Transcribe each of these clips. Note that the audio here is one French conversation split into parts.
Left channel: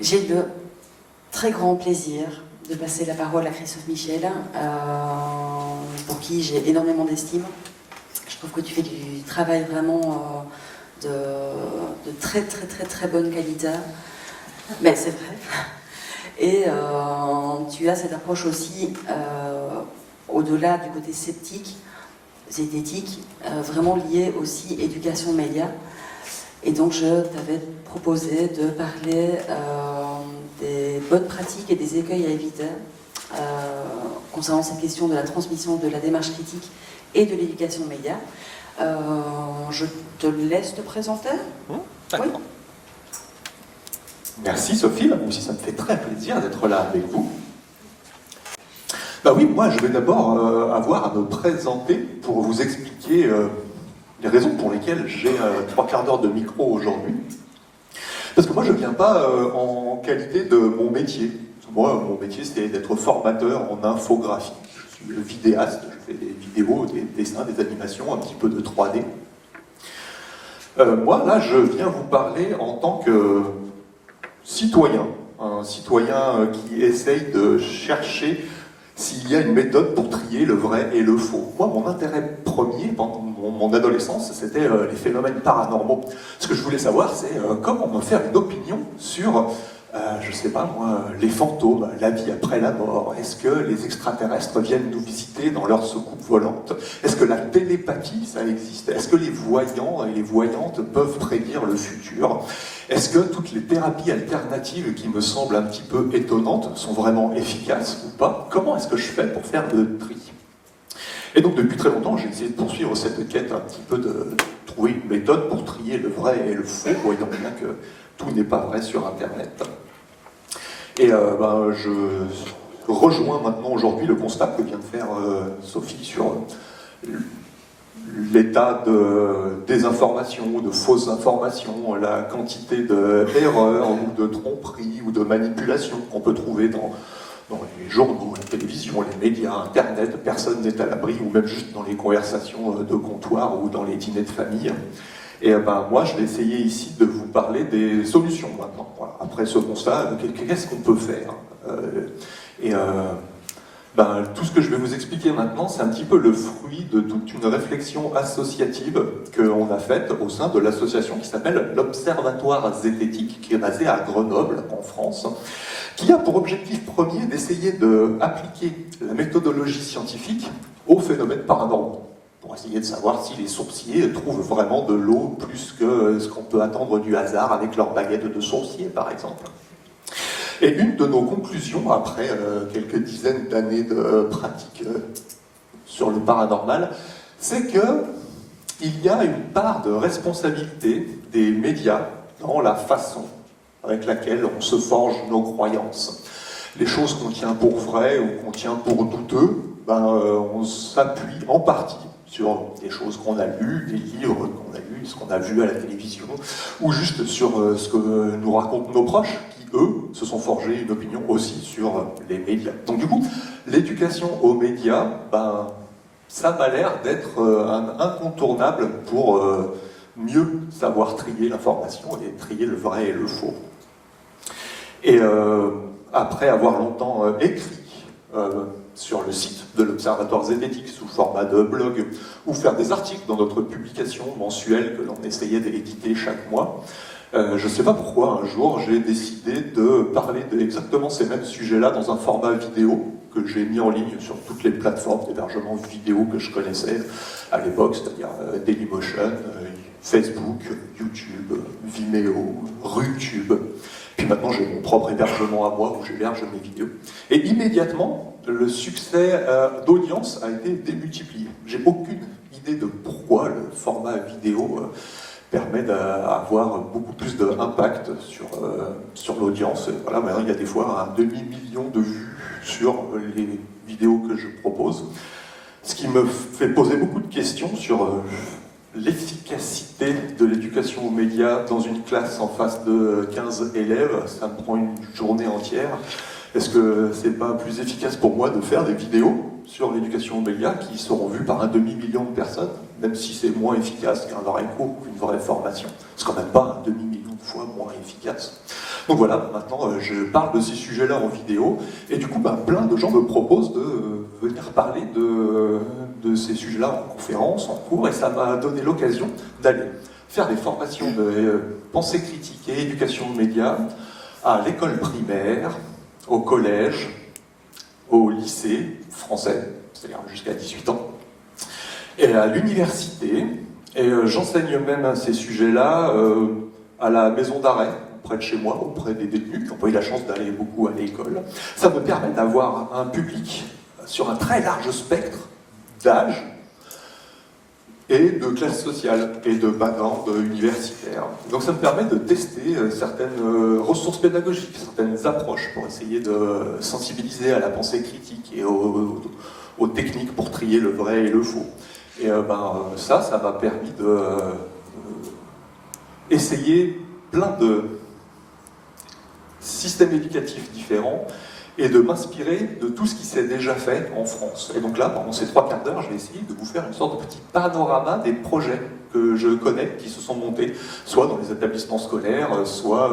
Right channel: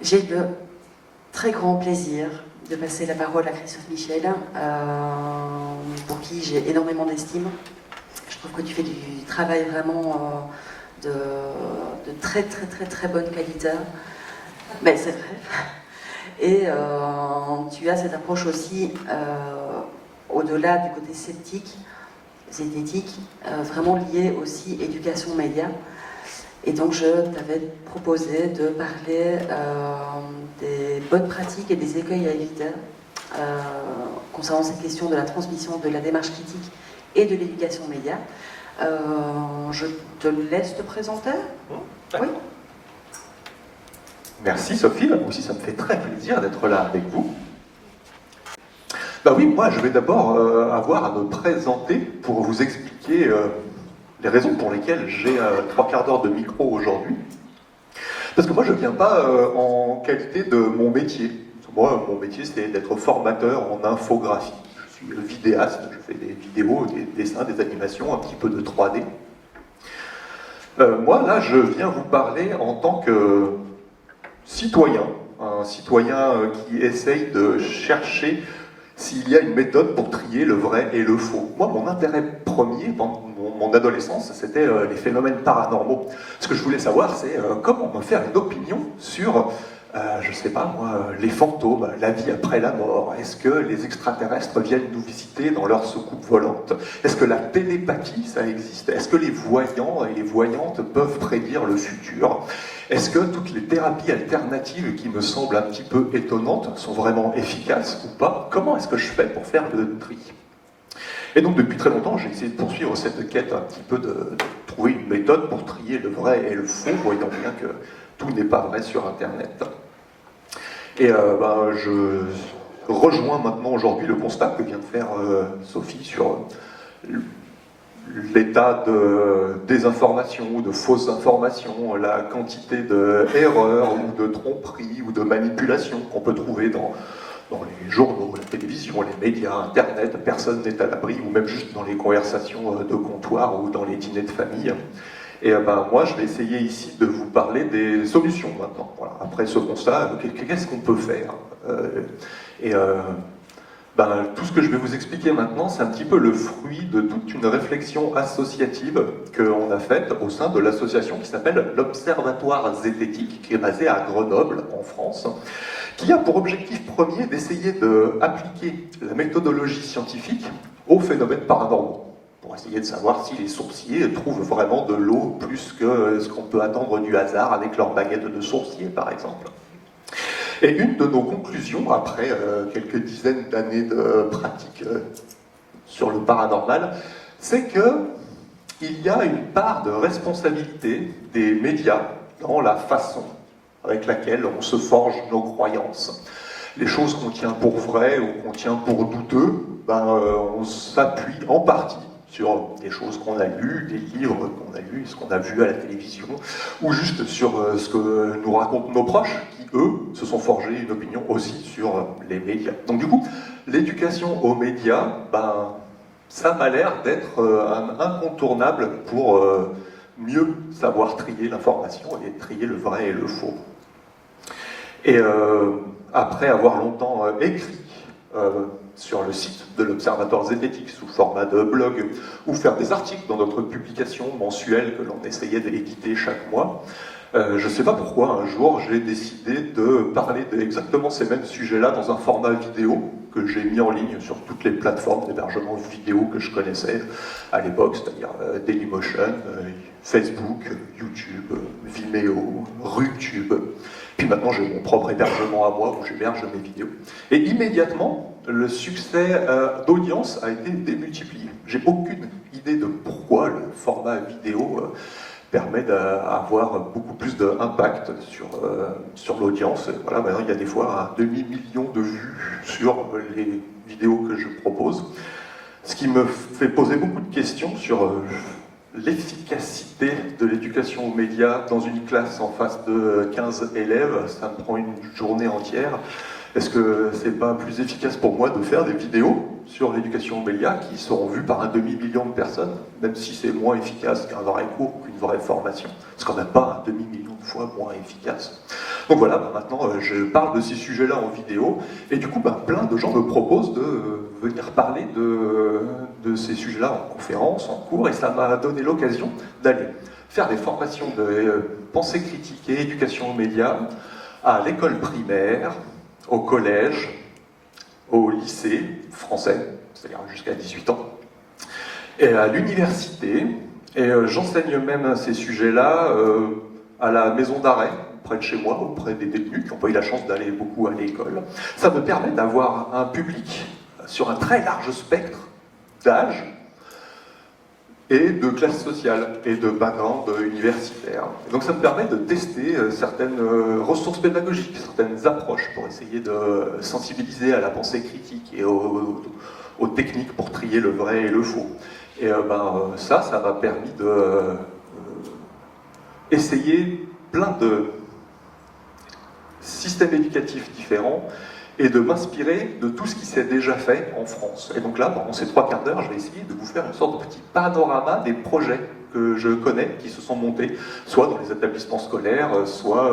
J'ai le très grand plaisir de passer la parole à Christophe Michel, pour qui j'ai énormément d'estime. Je trouve que tu fais du travail vraiment de très très très très bonne qualité, mais c'est vrai. Et tu as cette approche aussi, au-delà du côté sceptique, zététique, vraiment liée aussi éducation média. Et donc je t'avais proposé de parler des bonnes pratiques et des écueils à éviter concernant cette question de la transmission de la démarche critique et de l'éducation média. Je te laisse te présenter. Oui. Merci Sophie, moi aussi ça me fait très plaisir d'être là avec vous. Bah oui, moi je vais d'abord avoir à me présenter pour vous expliquer les raisons pour lesquelles j'ai 3/4 d'heure de micro aujourd'hui. Parce que moi je ne viens pas en qualité de mon métier. Moi mon métier c'est d'être formateur en infographie. Je suis vidéaste, je fais des vidéos, des dessins, des animations, un petit peu de 3D. Moi là je viens vous parler en tant que citoyen, un citoyen qui essaye de chercher s'il y a une méthode pour trier le vrai et le faux. Moi, mon intérêt premier pendant mon adolescence, c'était les phénomènes paranormaux. Ce que je voulais savoir, c'est comment me faire une opinion sur, je sais pas moi, les fantômes, la vie après la mort. Est-ce que les extraterrestres viennent nous visiter dans leur soucoupe volante? Est-ce que la télépathie, ça existe? Est-ce que les voyants et les voyantes peuvent prédire le futur? Est-ce que toutes les thérapies alternatives qui me semblent un petit peu étonnantes sont vraiment efficaces ou pas? Comment est-ce que je fais pour faire le tri? Et donc depuis très longtemps, j'ai essayé de poursuivre cette quête un petit peu de trouver une méthode pour trier le vrai et le faux, voyant bien que tout n'est pas vrai sur Internet. Et je rejoins maintenant aujourd'hui le constat que vient de faire Sophie sur l'état de désinformation ou de fausses informations, la quantité d'erreurs ou de tromperies ou de manipulations qu'on peut trouver dans les journaux, la télévision, les médias, Internet, personne n'est à l'abri, ou même juste dans les conversations de comptoir ou dans les dîners de famille. Et moi, je vais essayer ici de vous parler des solutions maintenant. Voilà. Après ce constat, qu'est-ce qu'on peut faire? Tout ce que je vais vous expliquer maintenant, c'est un petit peu le fruit de toute une réflexion associative qu'on a faite au sein de l'association qui s'appelle l'Observatoire Zététique, qui est basé à Grenoble, en France, qui a pour objectif premier d'essayer d'appliquer la méthodologie scientifique aux phénomènes paranormaux, pour essayer de savoir si les sourciers trouvent vraiment de l'eau plus que ce qu'on peut attendre du hasard avec leur baguette de sourcier, par exemple. Et une de nos conclusions, après quelques dizaines d'années de pratique sur le paranormal, c'est qu'il y a une part de responsabilité des médias dans la façon avec laquelle on se forge nos croyances. Les choses qu'on tient pour vraies ou qu'on tient pour douteux, on s'appuie en partie sur des choses qu'on a lues, des livres qu'on a lus, ce qu'on a vu à la télévision, ou juste sur ce que nous racontent nos proches, qui, eux, se sont forgés une opinion aussi sur les médias. Donc du coup, l'éducation aux médias, ça m'a l'air d'être incontournable pour mieux savoir trier l'information et trier le vrai et le faux. Et après avoir longtemps écrit sur le site de l'Observatoire Zététique sous format de blog, ou faire des articles dans notre publication mensuelle que l'on essayait d'éditer chaque mois, je ne sais pas pourquoi, un jour, j'ai décidé de parler d'exactement ces mêmes sujets-là dans un format vidéo que j'ai mis en ligne sur toutes les plateformes d'hébergement vidéo que je connaissais à l'époque, c'est-à-dire Dailymotion, Facebook, YouTube, Vimeo, Rutube. Puis maintenant, j'ai mon propre hébergement à moi où j'héberge mes vidéos. Et immédiatement, le succès d'audience a été démultiplié. J'ai aucune idée de pourquoi le format vidéo permet d'avoir beaucoup plus d'impact sur l'audience. Voilà, maintenant, il y a des fois un demi-million de vues sur les vidéos que je propose. Ce qui me fait poser beaucoup de questions sur l'efficacité de l'éducation aux médias dans une classe en face de 15 élèves. Ça me prend une journée entière. Est-ce que c'est pas plus efficace pour moi de faire des vidéos sur l'éducation aux médias qui seront vues par un demi-million de personnes, même si c'est moins efficace qu'un vrai cours, qu'une vraie formation? C'est quand même pas un demi-million de fois moins efficace. Donc voilà, maintenant je parle de ces sujets-là en vidéo, et du coup plein de gens me proposent de venir parler de ces sujets-là en conférence, en cours, et ça m'a donné l'occasion d'aller faire des formations de pensée critique et éducation aux médias à l'école primaire, au collège, au lycée français, c'est-à-dire jusqu'à 18 ans, et à l'université, et j'enseigne même ces sujets-là à la maison d'arrêt, près de chez moi, auprès des détenus qui n'ont pas eu la chance d'aller beaucoup à l'école. Ça me permet d'avoir un public sur un très large spectre d'âge et de classe sociale et de background universitaire. Donc ça me permet de tester certaines ressources pédagogiques, certaines approches pour essayer de sensibiliser à la pensée critique et aux techniques pour trier le vrai et le faux. Et ça m'a permis de essayer plein de systèmes éducatifs différents et de m'inspirer de tout ce qui s'est déjà fait en France. Et donc là, pendant ces 3 quarts d'heure, je vais essayer de vous faire une sorte de petit panorama des projets que je connais, qui se sont montés, soit dans les établissements scolaires, soit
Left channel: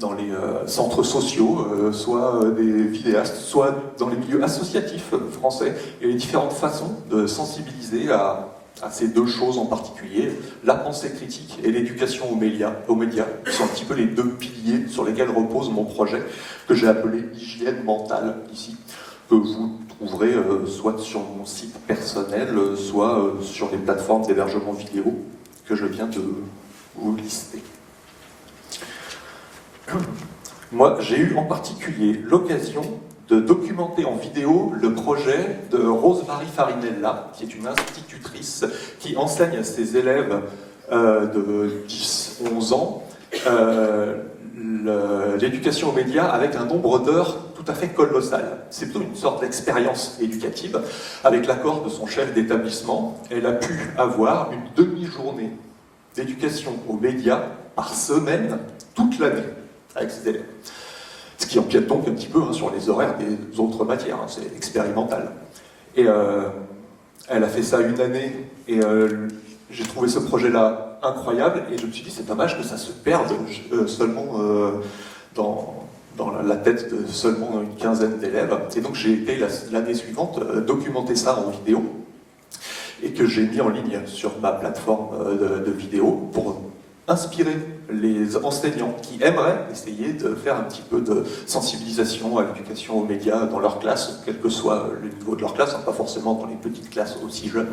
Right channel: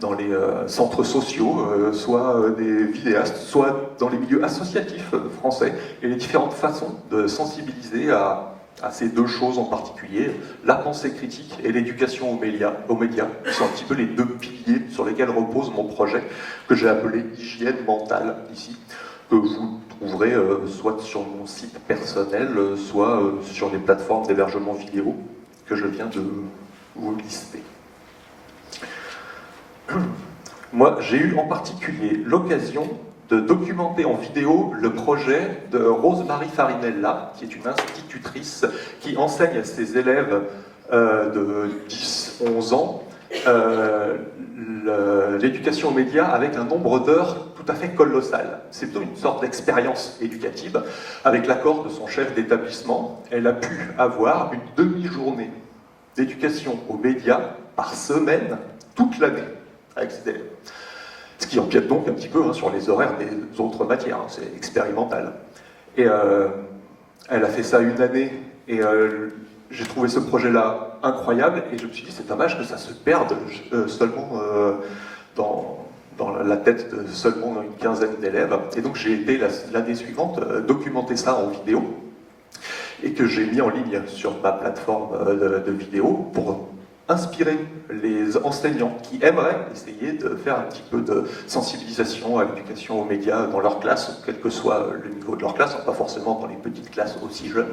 dans les centres sociaux, soit des vidéastes, soit dans les milieux associatifs français, et les différentes façons de sensibiliser à ces 2 choses en particulier, la pensée critique et l'éducation aux médias, qui sont un petit peu les 2 piliers sur lesquels repose mon projet, que j'ai appelé hygiène mentale, ici, que vous trouverez soit sur mon site personnel, soit sur les plateformes d'hébergement vidéo que je viens de vous lister. Moi, j'ai eu en particulier l'occasion de documenter en vidéo le projet de Rose-Marie Farinella, qui est une institutrice qui enseigne à ses élèves de 10-11 ans l'éducation aux médias avec un nombre d'heures tout à fait colossal. C'est plutôt une sorte d'expérience éducative. Avec l'accord de son chef d'établissement, elle a pu avoir une demi-journée d'éducation aux médias par semaine, toute l'année, avec ses élèves. Ce qui empiète donc un petit peu sur les horaires des autres matières, c'est expérimental. Et elle a fait ça une année, et j'ai trouvé ce projet-là incroyable, et je me suis dit, c'est dommage que ça se perde seulement dans la tête de seulement une quinzaine d'élèves. Et donc j'ai été l'année suivante documenter ça en vidéo, et que j'ai mis en ligne sur ma plateforme de vidéo pour inspirer les enseignants qui aimeraient essayer de faire un petit peu de sensibilisation à l'éducation aux médias dans leur classe, quel que soit le niveau de leur classe, pas forcément dans les petites classes aussi jeunes.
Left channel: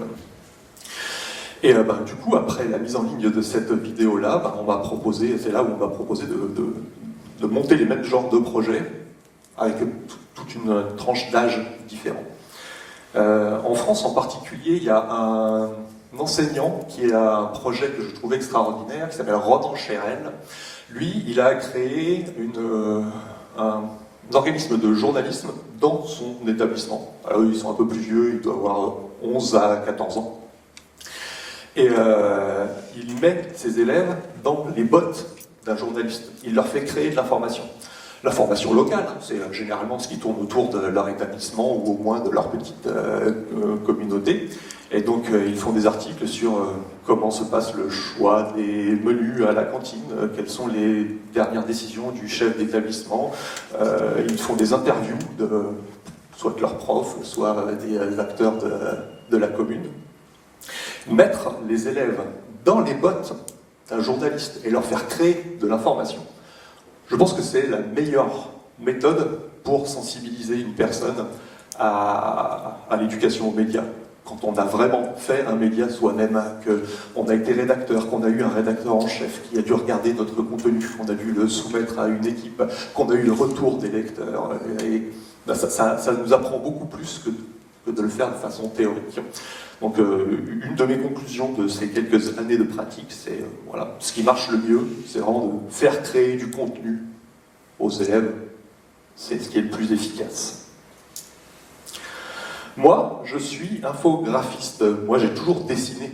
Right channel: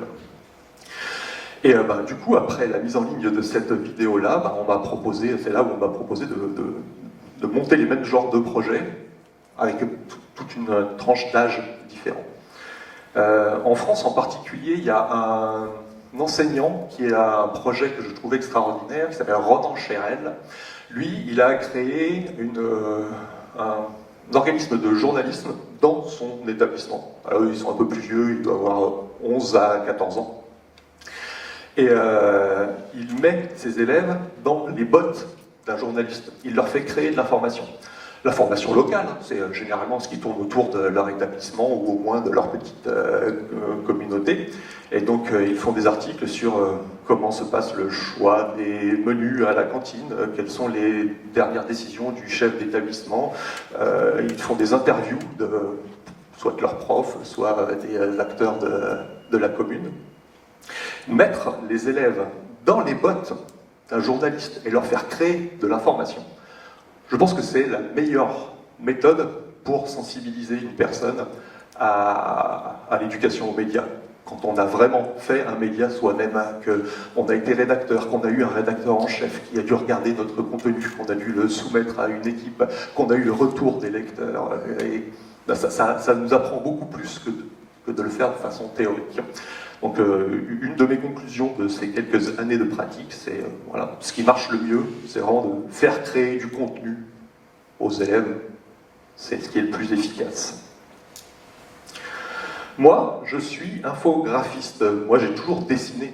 Et du coup, après la mise en ligne de cette vidéo-là, on m'a proposé, c'est là où on m'a proposé de monter les mêmes genres de projets avec toute une tranche d'âge différente. En France en particulier, il y a un enseignant qui a un projet que je trouve extraordinaire, qui s'appelle Ronan Chérel. Lui, il a créé un organisme de journalisme dans son établissement. Alors, ils sont un peu plus vieux, il doit avoir 11 à 14 ans. Et il met ses élèves dans les bottes d'un journaliste. Il leur fait créer de l'information. L'information locale, c'est généralement ce qui tourne autour de leur établissement ou au moins de leur petite communauté. Et donc ils font des articles sur comment se passe le choix des menus à la cantine, quelles sont les dernières décisions du chef d'établissement. Ils font des interviews soit de leurs profs, soit des acteurs de la commune. Mettre les élèves dans les bottes d'un journaliste et leur faire créer de l'information, je pense que c'est la meilleure méthode pour sensibiliser une personne à l'éducation aux médias. Quand on a vraiment fait un média soi-même, qu'on a été rédacteur, qu'on a eu un rédacteur en chef qui a dû regarder notre contenu, qu'on a dû le soumettre à une équipe, qu'on a eu le retour des lecteurs, et ça nous apprend beaucoup plus que de le faire de façon théorique. Donc une de mes conclusions de ces quelques années de pratique, c'est voilà, ce qui marche le mieux, c'est vraiment de faire créer du contenu aux élèves, c'est ce qui est le plus efficace. Moi, je suis infographiste. Moi, j'ai toujours dessiné.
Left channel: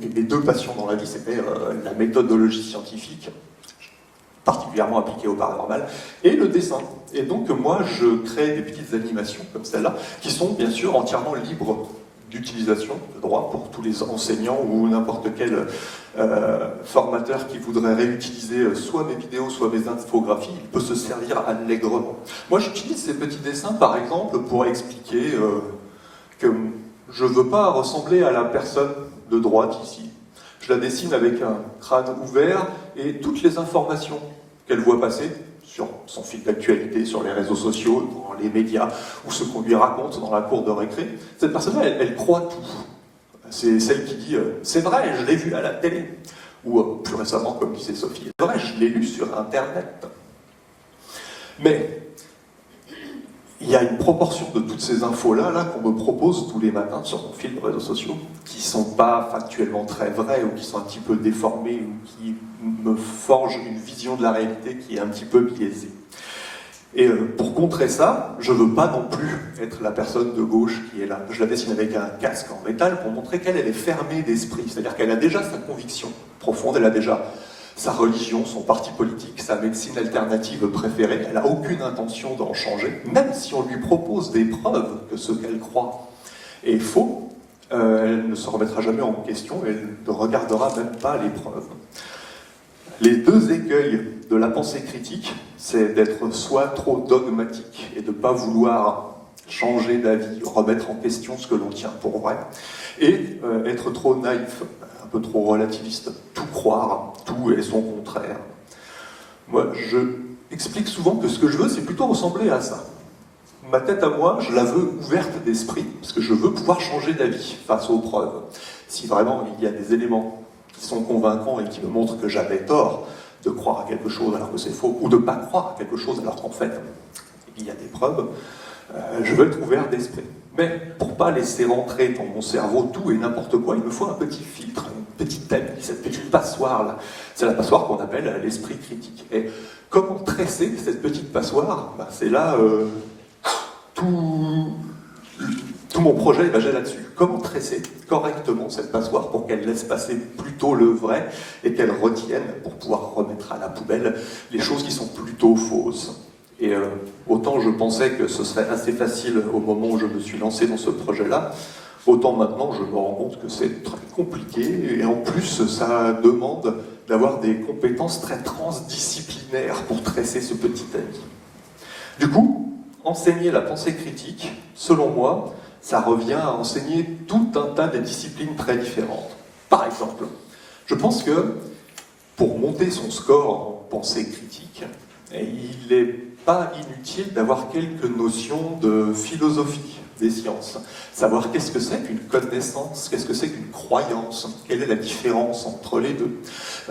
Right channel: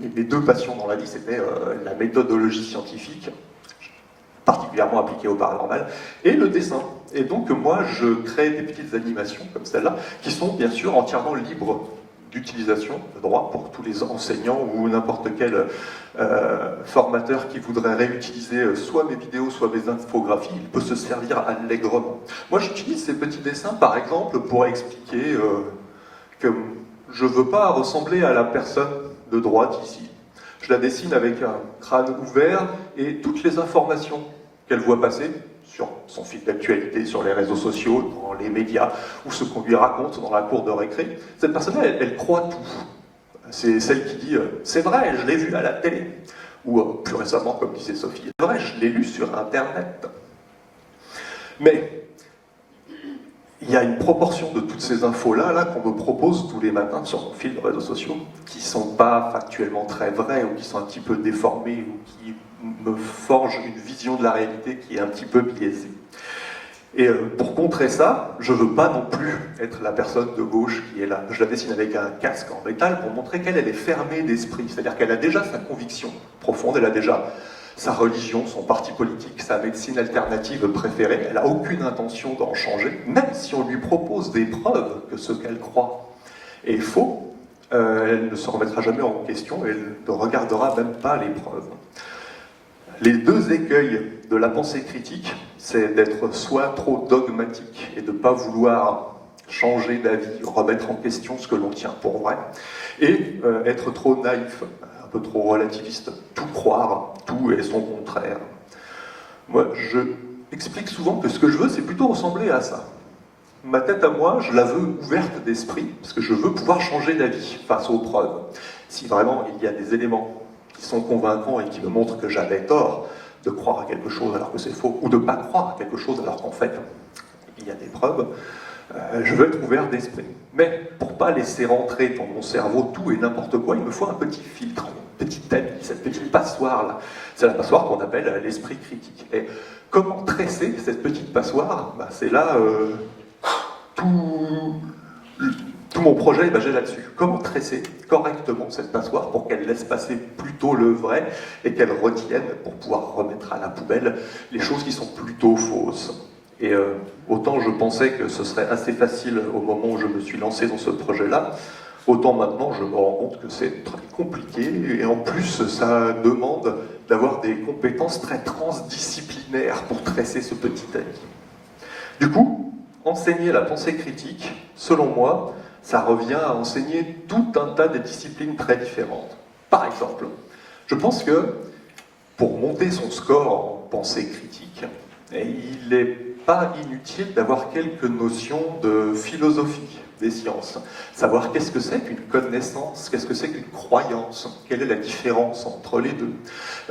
Mes 2 passions dans la vie, c'était la méthodologie scientifique, particulièrement appliquée au paranormal, et le dessin. Et donc, moi, je crée des petites animations comme celle-là, qui sont bien sûr entièrement libres d'utilisation de droit pour tous les enseignants ou n'importe quel formateur qui voudrait réutiliser soit mes vidéos, soit mes infographies, il peut se servir allègrement. Moi, j'utilise ces petits dessins, par exemple, pour expliquer que je ne veux pas ressembler à la personne de droite ici. Je la dessine avec un crâne ouvert et toutes les informations qu'elle voit passer sur son fil d'actualité, sur les réseaux sociaux, dans les médias, ou ce qu'on lui raconte dans la cour de récré. Cette personne-là, elle croit tout. C'est celle qui dit « c'est vrai, je l'ai vu à la télé ». Ou plus récemment, comme disait Sophie, « c'est vrai, je l'ai lu sur Internet ». Mais il y a une proportion de toutes ces infos-là qu'on me propose tous les matins sur mon fil de réseaux sociaux, qui ne sont pas factuellement très vraies, ou qui sont un petit peu déformées, ou qui me forgent une vision de la réalité qui est un petit peu biaisée. Et pour contrer ça, je ne veux pas non plus être la personne de gauche qui est là. Je la dessine avec un casque en métal pour montrer qu'elle est fermée d'esprit, c'est-à-dire qu'elle a déjà sa conviction profonde, elle a déjà sa religion, son parti politique, sa médecine alternative préférée, elle n'a aucune intention d'en changer, même si on lui propose des preuves que ce qu'elle croit est faux, elle ne se remettra jamais en question, elle ne regardera même pas les preuves. Les deux écueils de la pensée critique, c'est d'être soit trop dogmatique et de ne pas vouloir changer d'avis, remettre en question ce que l'on tient pour vrai, et être trop naïf, un peu trop relativiste, tout croire, tout est son contraire. Moi, je explique souvent que ce que je veux, c'est plutôt ressembler à ça. Ma tête à moi, je la veux ouverte d'esprit, parce que je veux pouvoir changer d'avis face aux preuves. Si vraiment il y a des éléments qui sont convaincants et qui me montrent que j'avais tort de croire à quelque chose alors que c'est faux, ou de ne pas croire à quelque chose alors qu'en fait, il y a des preuves, je veux être ouvert d'esprit. Mais pour ne pas laisser rentrer dans mon cerveau tout et n'importe quoi, il me faut un petit filtre, une petite tamis, cette petite passoire-là. C'est la passoire qu'on appelle l'esprit critique. Et comment tresser cette petite passoire? C'est là tout mon projet est basé là-dessus. Comment tresser correctement cette passoire pour qu'elle laisse passer plutôt le vrai et qu'elle retienne pour pouvoir remettre à la poubelle les choses qui sont plutôt fausses. Et autant je pensais que ce serait assez facile au moment où je me suis lancé dans ce projet-là, autant maintenant je me rends compte que c'est très compliqué et en plus ça demande d'avoir des compétences très transdisciplinaires pour tresser ce petit ami. Du coup, enseigner la pensée critique, selon moi, ça revient à enseigner tout un tas de disciplines très différentes. Par exemple, je pense que pour monter son score en pensée critique, il n'est pas inutile d'avoir quelques notions de philosophie des sciences. Savoir qu'est-ce que c'est qu'une connaissance, qu'est-ce que c'est qu'une croyance, quelle est la différence entre les deux.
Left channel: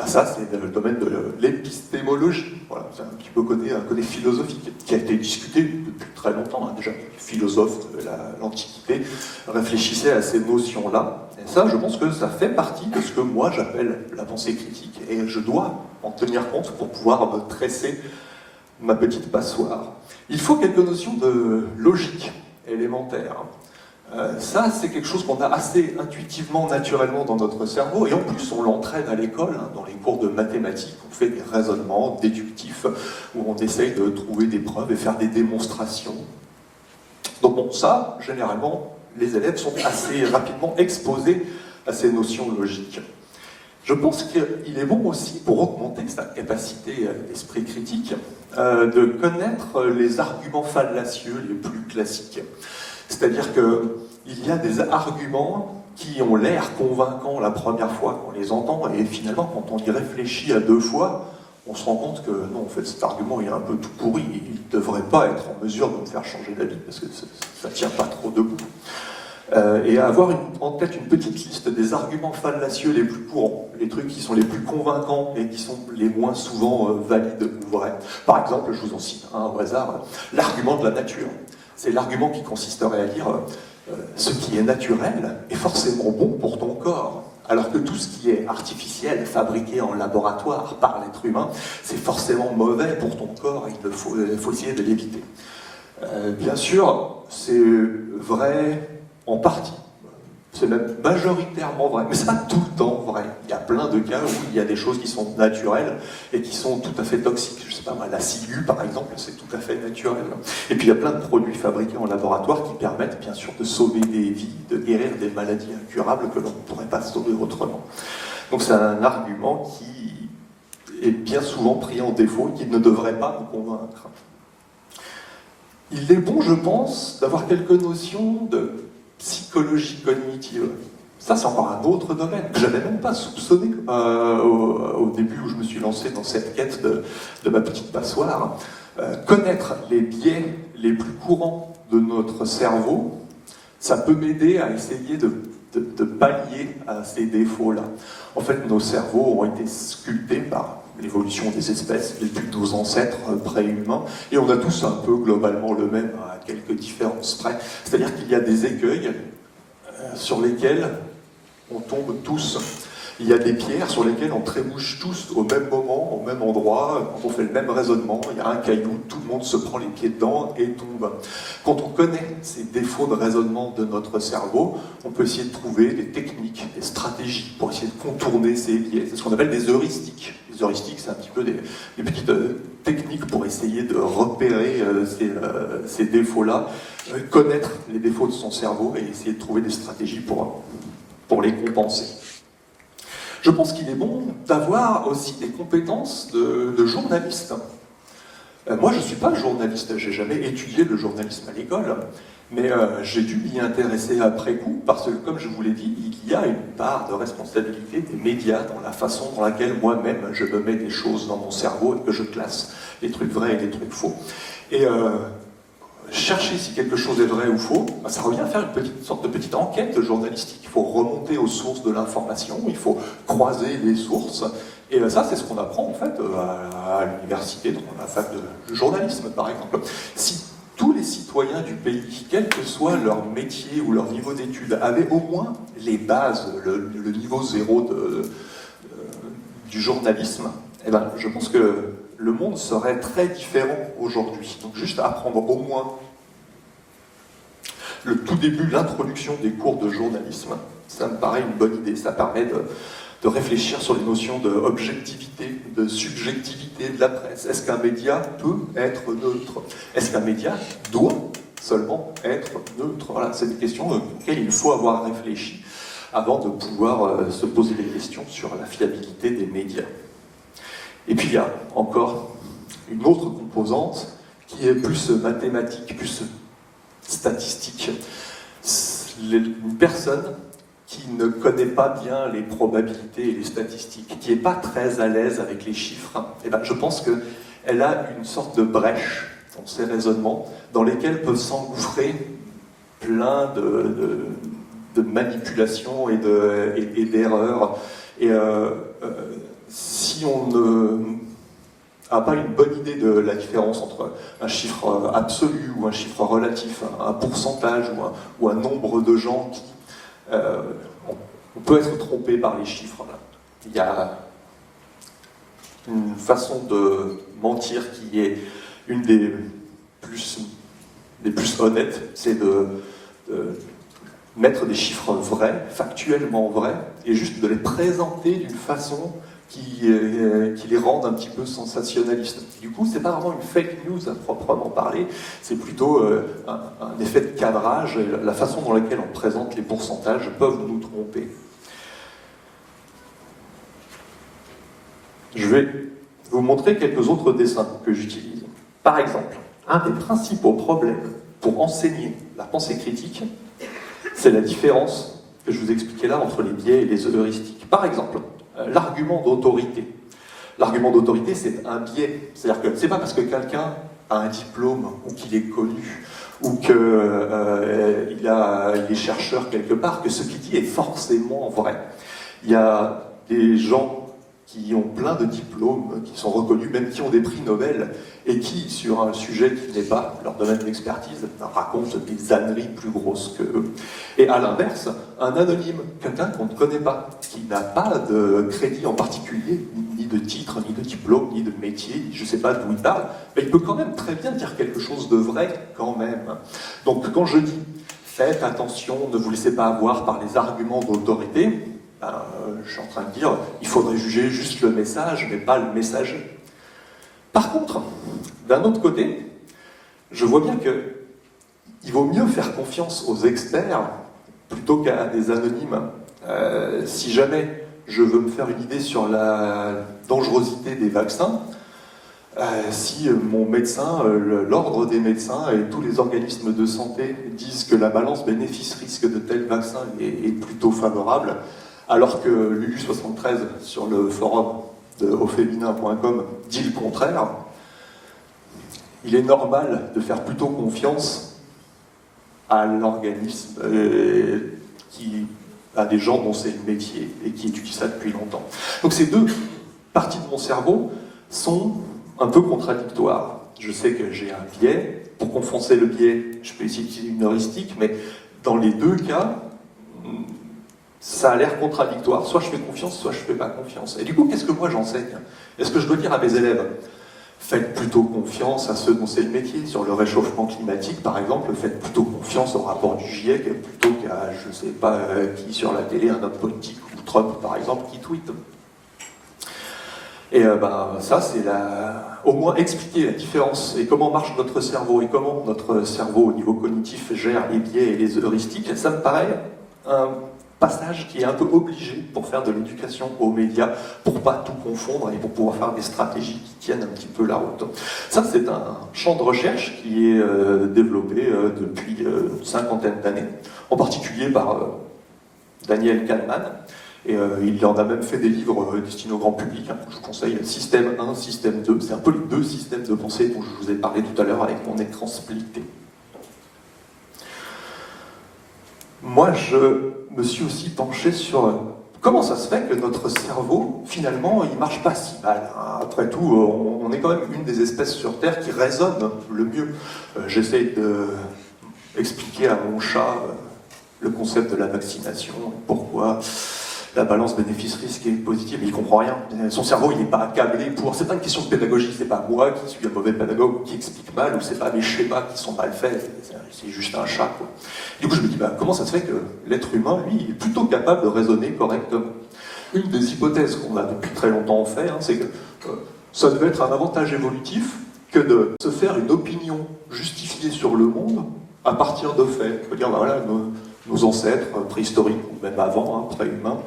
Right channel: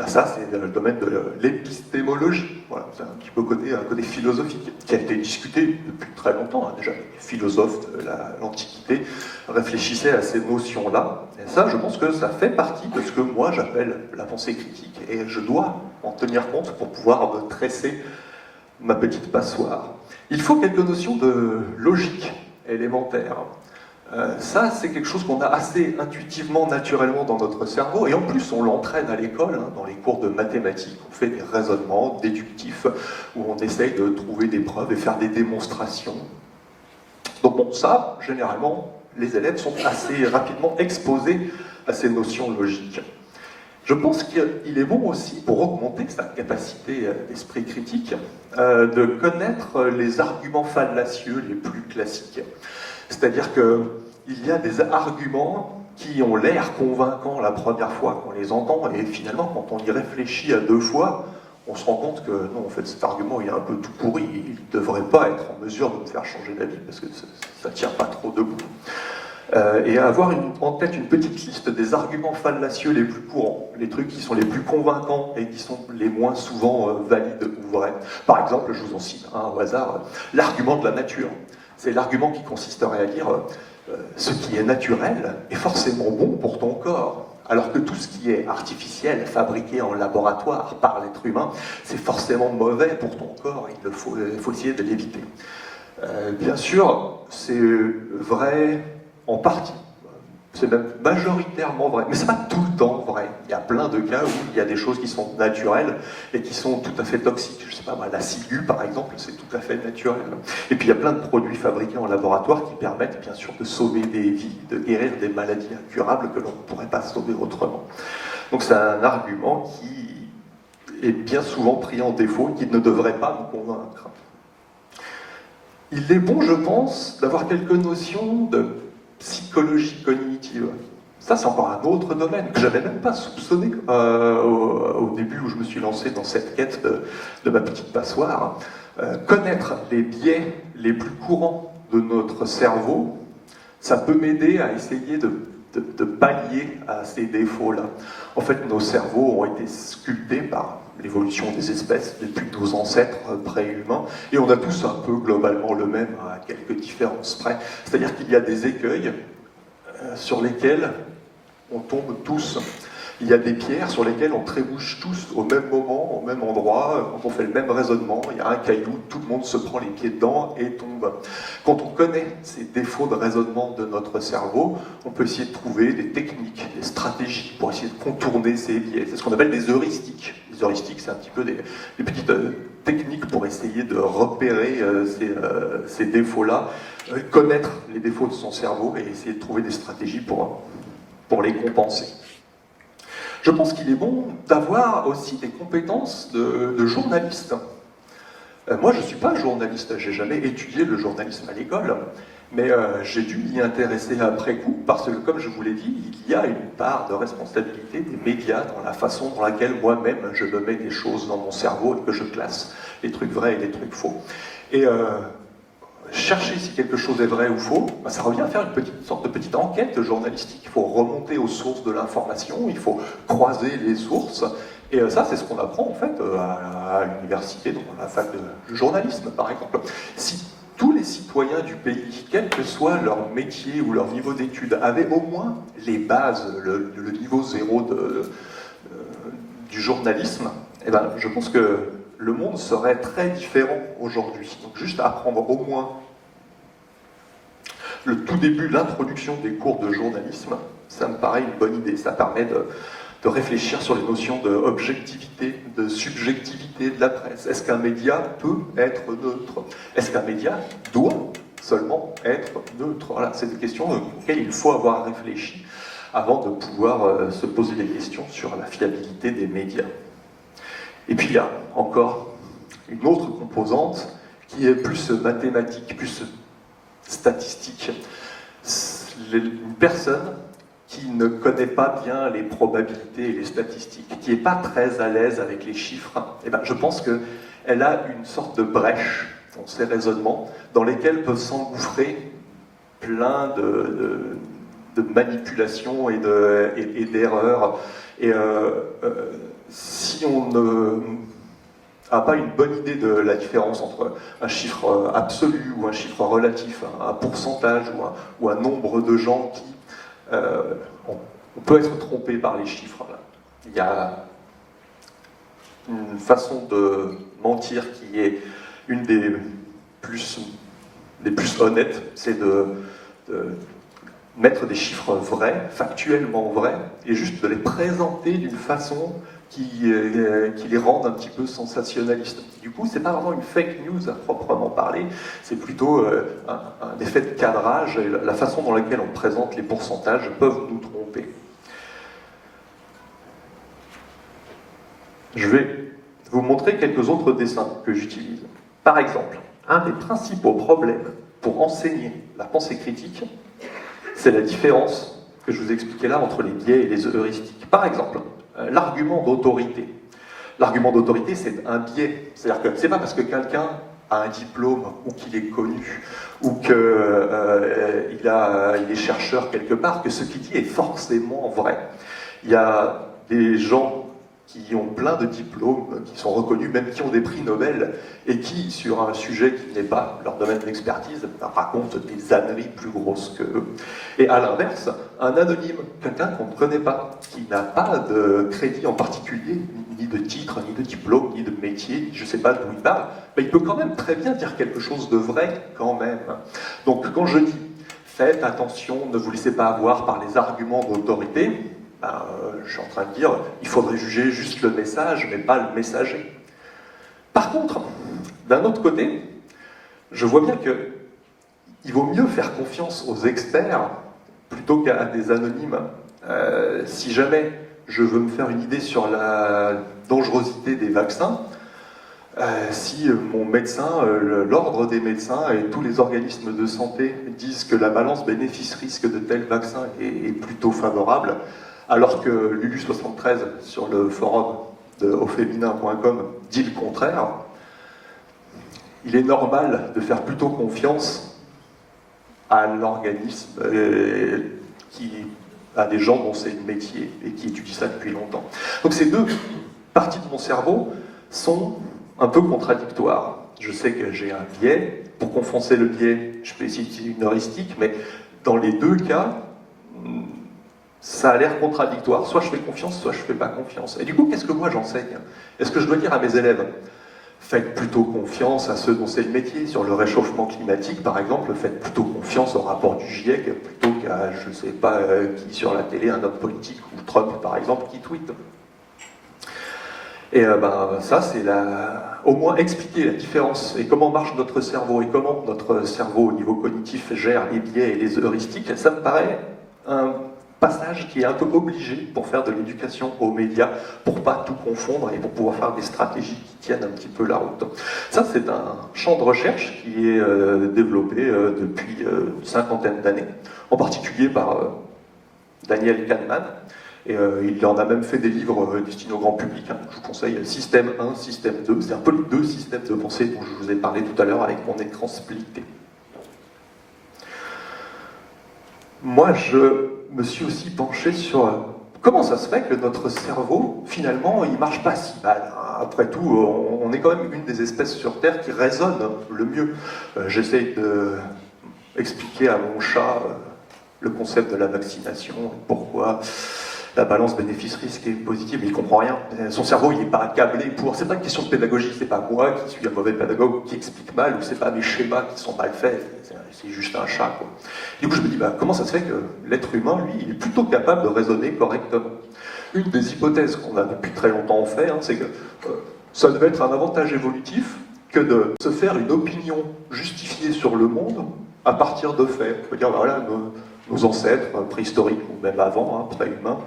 Ça, c'est dans le domaine de l'épistémologie. Voilà, c'est un petit peu un côté philosophique qui a été discuté depuis très longtemps. Déjà, les philosophes de l'Antiquité réfléchissaient à ces notions-là. Et ça, je pense que ça fait partie de ce que moi j'appelle la pensée critique. Et je dois en tenir compte pour pouvoir me tresser ma petite passoire. Il faut quelques notions de logique élémentaire. Ça, c'est quelque chose qu'on a assez intuitivement, naturellement dans notre cerveau, et en plus on l'entraîne à l'école, dans les cours de mathématiques, on fait des raisonnements déductifs, où on essaye de trouver des preuves et faire des démonstrations. Donc bon, ça, généralement, les élèves sont assez rapidement exposés à ces notions logiques. Je pense qu'il est bon aussi, pour augmenter sa capacité d'esprit critique, de connaître les arguments fallacieux les plus classiques. C'est-à-dire qu'il y a des arguments qui ont l'air convaincants la première fois qu'on les entend, et finalement, quand on y réfléchit à deux fois, on se rend compte que non, en fait, cet argument il est un peu tout pourri, il ne devrait pas être en mesure de me faire changer d'avis, parce que ça ne tient pas trop debout. Et à avoir en tête une petite liste des arguments fallacieux les plus courants, les trucs qui sont les plus convaincants et qui sont les moins souvent valides ou vrais. Par exemple, je vous en cite un au hasard, l'argument de la nature. C'est l'argument qui consisterait à dire ce qui est naturel est forcément bon pour ton corps, alors que tout ce qui est artificiel, fabriqué en laboratoire par l'être humain, c'est forcément mauvais pour ton corps et il faut essayer de l'éviter. Bien sûr, c'est vrai en partie. c'est même majoritairement vrai, mais c'est pas tout le temps vrai. Il y a plein de cas où il y a des choses qui sont naturelles et qui sont tout à fait toxiques. Je sais pas, la ciguë par exemple, c'est tout à fait naturel. Et puis il y a plein de produits fabriqués en laboratoire qui permettent bien sûr de sauver des vies, de guérir des maladies incurables que l'on ne pourrait pas sauver autrement. Donc c'est un argument qui est bien souvent pris en défaut et qui ne devrait pas nous convaincre. Il est bon, je pense, d'avoir quelques notions de psychologie cognitive. Ça, c'est encore un autre domaine que je n'avais même pas soupçonné au début où je me suis lancé dans cette quête de ma petite passoire. Connaître les biais les plus courants de notre cerveau, ça peut m'aider à essayer de pallier à ces défauts-là. En fait, nos cerveaux ont été sculptés par l'évolution des espèces depuis nos ancêtres préhumains, et on a tous un peu globalement le même, à quelques différences près. C'est-à-dire qu'il y a des écueils sur lesquels on tombe tous. Il y a des pierres sur lesquelles on trébuche tous au même moment, au même endroit, quand on fait le même raisonnement, il y a un caillou, tout le monde se prend les pieds dedans et tombe. Quand on connaît ces défauts de raisonnement de notre cerveau, on peut essayer de trouver des techniques, des stratégies pour essayer de contourner ces biais. C'est ce qu'on appelle des heuristiques. Les heuristiques, c'est un petit peu des petites techniques pour essayer de repérer ces défauts-là, connaître les défauts de son cerveau et essayer de trouver des stratégies pour les compenser. Je pense qu'il est bon d'avoir aussi des compétences de journaliste. Moi, je ne suis pas journaliste, j'ai jamais étudié le journalisme à l'école, mais j'ai dû m'y intéresser après coup, parce que, comme je vous l'ai dit, il y a une part de responsabilité des médias dans la façon dans laquelle moi-même je me mets des choses dans mon cerveau et que je classe les trucs vrais et les trucs faux. Et chercher si quelque chose est vrai ou faux, ça revient à faire une sorte de petite enquête journalistique. Il faut remonter aux sources de l'information, il faut croiser les sources, et ça c'est ce qu'on apprend en fait à l'université, dans la fac de journalisme par exemple. Si tous les citoyens du pays, quel que soit leur métier ou leur niveau d'études, avaient au moins les bases, le niveau zéro du journalisme, eh ben, je pense que le monde serait très différent aujourd'hui. Donc juste apprendre au moins le tout début, l'introduction des cours de journalisme, ça me paraît une bonne idée. Ça permet de réfléchir sur les notions d'objectivité, de subjectivité de la presse. Est-ce qu'un média peut être neutre? Est-ce qu'un média doit seulement être neutre? Voilà, c'est des questions auxquelles il faut avoir réfléchi avant de pouvoir se poser des questions sur la fiabilité des médias. Et puis il y a encore une autre composante qui est plus mathématique, plus statistique. Une personne qui ne connaît pas bien les probabilités et les statistiques, qui n'est pas très à l'aise avec les chiffres, eh ben, je pense qu'elle a une sorte de brèche dans ses raisonnements dans lesquels peuvent s'engouffrer plein de manipulations et d'erreurs. Et si on n'a pas une bonne idée de la différence entre un chiffre absolu ou un chiffre relatif, un pourcentage ou un nombre de gens qui... on peut être trompé par les chiffres. Il y a une façon de mentir qui est une des plus honnêtes, c'est de mettre des chiffres vrais, factuellement vrais, et juste de les présenter d'une façon qui les rendent un petit peu sensationnalistes. Du coup, c'est pas vraiment une fake news à proprement parler, c'est plutôt un effet de cadrage, et la façon dans laquelle on présente les pourcentages peuvent nous tromper. Je vais vous montrer quelques autres dessins que j'utilise. Par exemple, un des principaux problèmes pour enseigner la pensée critique, c'est la différence que je vous expliquais là entre les biais et les heuristiques. Par exemple, l'argument d'autorité. L'argument d'autorité, c'est un biais. C'est-à-dire que c'est pas parce que quelqu'un a un diplôme ou qu'il est connu ou qu'il est chercheur quelque part que ce qu'il dit est forcément vrai. Il y a des gens qui ont plein de diplômes, qui sont reconnus, même qui ont des prix Nobel, et qui, sur un sujet qui n'est pas leur domaine d'expertise, racontent des âneries plus grosses que eux. Et à l'inverse, un anonyme, quelqu'un qu'on ne connaît pas, qui n'a pas de crédit en particulier, ni de titre, ni de diplôme, ni de métier, je ne sais pas d'où il parle, mais il peut quand même très bien dire quelque chose de vrai quand même. Donc quand je dis faites attention, ne vous laissez pas avoir par les arguments d'autorité, ben, je suis en train de dire, il faudrait juger juste le message, mais pas le messager. Par contre, d'un autre côté, je vois bien qu'il vaut mieux faire confiance aux experts plutôt qu'à des anonymes. Si jamais je veux me faire une idée sur la dangerosité des vaccins, si mon médecin, l'ordre des médecins et tous les organismes de santé disent que la balance bénéfice-risque de tel vaccin est plutôt favorable, alors que Lulu73 sur le forum de auféminin.com dit le contraire, il est normal de faire plutôt confiance à l'organisme à des gens dont c'est le métier et qui étudient ça depuis longtemps. Donc ces deux parties de mon cerveau sont un peu contradictoires. Je sais que j'ai un biais. Pour compenser le biais, je peux utiliser une heuristique, mais dans les deux cas, ça a l'air contradictoire. Soit je fais confiance, soit je ne fais pas confiance. Et du coup, qu'est-ce que moi j'enseigne? Est-ce que je dois dire à mes élèves, faites plutôt confiance à ceux dont c'est le métier, sur le réchauffement climatique par exemple, faites plutôt confiance au rapport du GIEC plutôt qu'à, je ne sais pas qui sur la télé, un homme politique ou Trump par exemple, qui tweet. Et ça, c'est au moins expliquer la différence et comment marche notre cerveau et comment notre cerveau au niveau cognitif gère les biais et les heuristiques. Ça me paraît un passage qui est un peu obligé pour faire de l'éducation aux médias, pour pas tout confondre et pour pouvoir faire des stratégies qui tiennent un petit peu la route. Ça, c'est un champ de recherche qui est développé depuis une cinquantaine d'années, en particulier par Daniel Kahneman. Et il en a même fait des livres destinés au grand public. Hein. Je vous conseille Système 1, Système 2. C'est un peu les deux systèmes de pensée dont je vous ai parlé tout à l'heure avec mon écran splitté. Moi, je me suis aussi penché sur comment ça se fait que notre cerveau, finalement, il marche pas si mal. Après tout, on est quand même une des espèces sur Terre qui raisonne le mieux. J'essaie d'expliquer à mon chat le concept de la vaccination, pourquoi la balance bénéfice-risque est positive, mais il comprend rien. Son cerveau, il n'est pas accablé pour... C'est pas une question de pédagogie, c'est pas moi qui suis un mauvais pédagogue qui explique mal, ou c'est pas mes schémas qui sont mal faits, c'est juste un chat, quoi. Du coup, je me dis, comment ça se fait que l'être humain, lui, il est plutôt capable de raisonner correctement? Une des hypothèses qu'on a depuis très longtemps fait, c'est que ça devait être un avantage évolutif que de se faire une opinion justifiée sur le monde à partir de faits. On peut dire, voilà, nos ancêtres préhistoriques, ou même avant, pré-humains,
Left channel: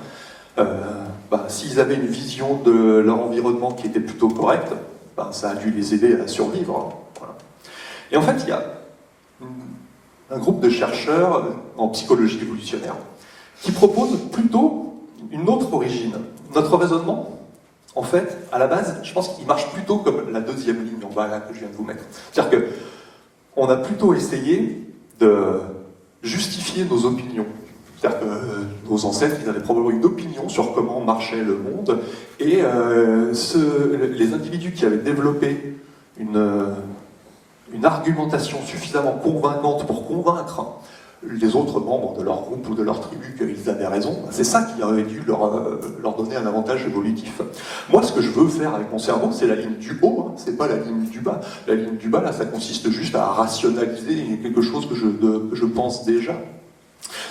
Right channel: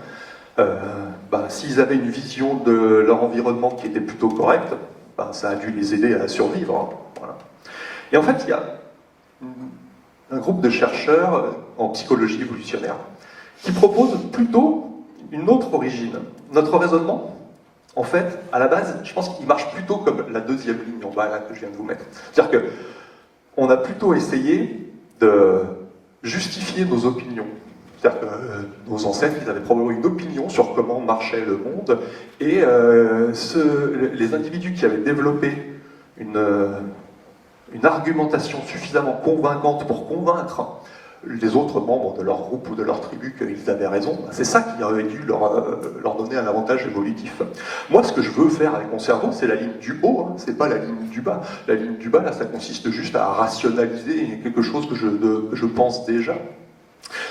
s'ils avaient une vision de leur environnement qui était plutôt correcte, ça a dû les aider à survivre. Voilà. Et en fait, il y a un groupe de chercheurs en psychologie évolutionnaire qui propose plutôt une autre origine. Notre raisonnement, en fait, à la base, je pense qu'il marche plutôt comme la deuxième ligne en bas là, que je viens de vous mettre. C'est-à-dire qu'on a plutôt essayé de justifier nos opinions. C'est-à-dire que nos ancêtres, ils avaient probablement une opinion sur comment marchait le monde, et les individus qui avaient développé une argumentation suffisamment convaincante pour convaincre les autres membres de leur groupe ou de leur tribu qu'ils avaient raison, c'est ça qui aurait dû leur donner un avantage évolutif. Moi, ce que je veux faire avec mon cerveau, c'est la ligne du haut, c'est pas la ligne du bas. La ligne du bas, là, ça consiste juste à rationaliser quelque chose que je pense déjà.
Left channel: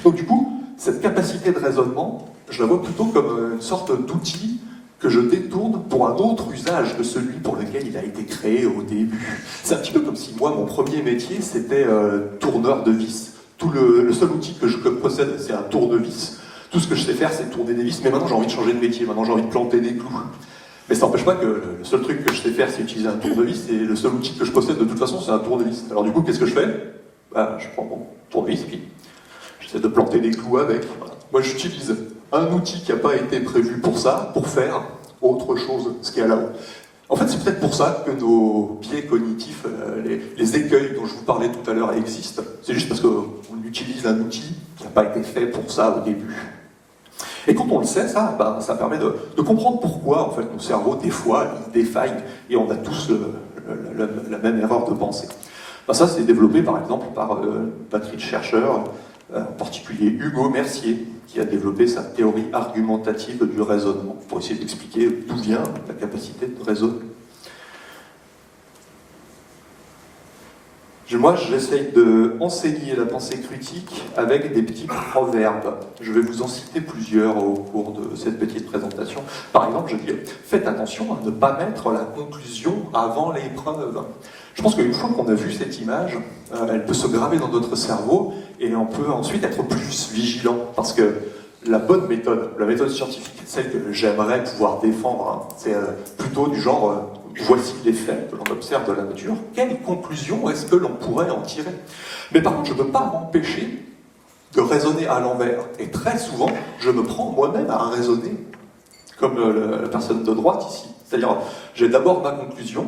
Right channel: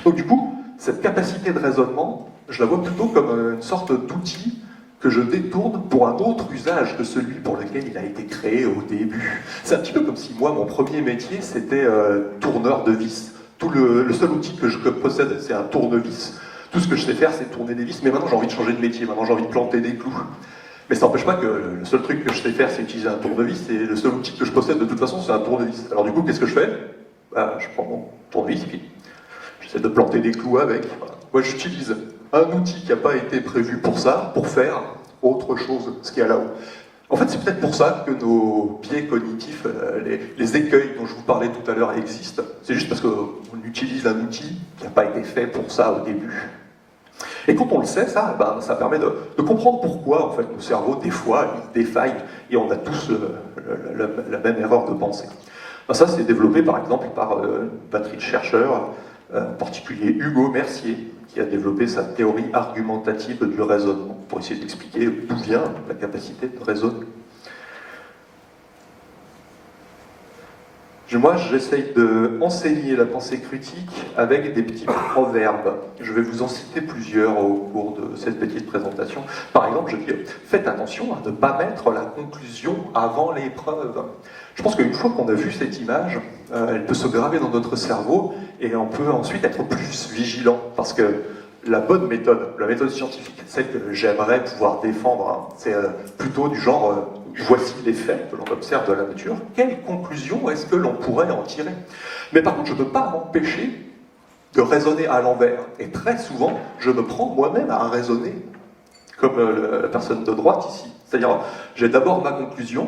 Donc du coup, cette capacité de raisonnement, je la vois plutôt comme une sorte d'outil que je détourne pour un autre usage que celui pour lequel il a été créé au début. C'est un petit peu comme si moi, mon premier métier, c'était tourneur de vis. Le seul outil que je possède, c'est un tournevis. Tout ce que je sais faire, c'est tourner des vis, mais maintenant j'ai envie de changer de métier, maintenant j'ai envie de planter des clous. Mais ça n'empêche pas que le seul truc que je sais faire, c'est utiliser un tournevis, et le seul outil que je possède de toute façon, c'est un tournevis. Alors du coup, qu'est-ce que je fais? Je prends mon tournevis, puis j'essaie de planter des clous avec. Voilà. Moi, j'utilise un outil qui n'a pas été prévu pour ça, pour faire autre chose, ce qu'il y a là-haut. En fait, c'est peut-être pour ça que nos biais cognitifs, les écueils dont je vous parlais tout à l'heure existent. C'est juste parce qu'on utilise un outil qui n'a pas été fait pour ça au début. Et quand on le sait, ça permet de comprendre pourquoi, en fait, nos cerveaux, des fois, ils défaillent, et on a tous la même erreur de pensée. Ça, c'est développé, par exemple, par une batterie de chercheurs, en particulier Hugo Mercier, qui a développé sa théorie argumentative du raisonnement, pour essayer d'expliquer d'où vient la capacité de raisonner. Moi, j'essaye d'enseigner la pensée critique avec des petits proverbes. Je vais vous en citer plusieurs au cours de cette petite présentation. Par exemple, je dis « Faites attention à ne pas mettre la conclusion avant l'épreuve ». Je pense qu'une fois qu'on a vu cette image, elle peut se graver dans notre cerveau et on peut ensuite être plus vigilant. Parce que la bonne méthode, la méthode scientifique, celle que j'aimerais pouvoir défendre, hein, c'est plutôt du genre voici les faits que l'on observe de la nature, quelle conclusion est-ce que l'on pourrait en tirer? Mais par contre, je ne peux pas m'empêcher de raisonner à l'envers. Et très souvent, je me prends moi-même à raisonner comme la personne de droite ici. C'est-à-dire, j'ai d'abord ma conclusion,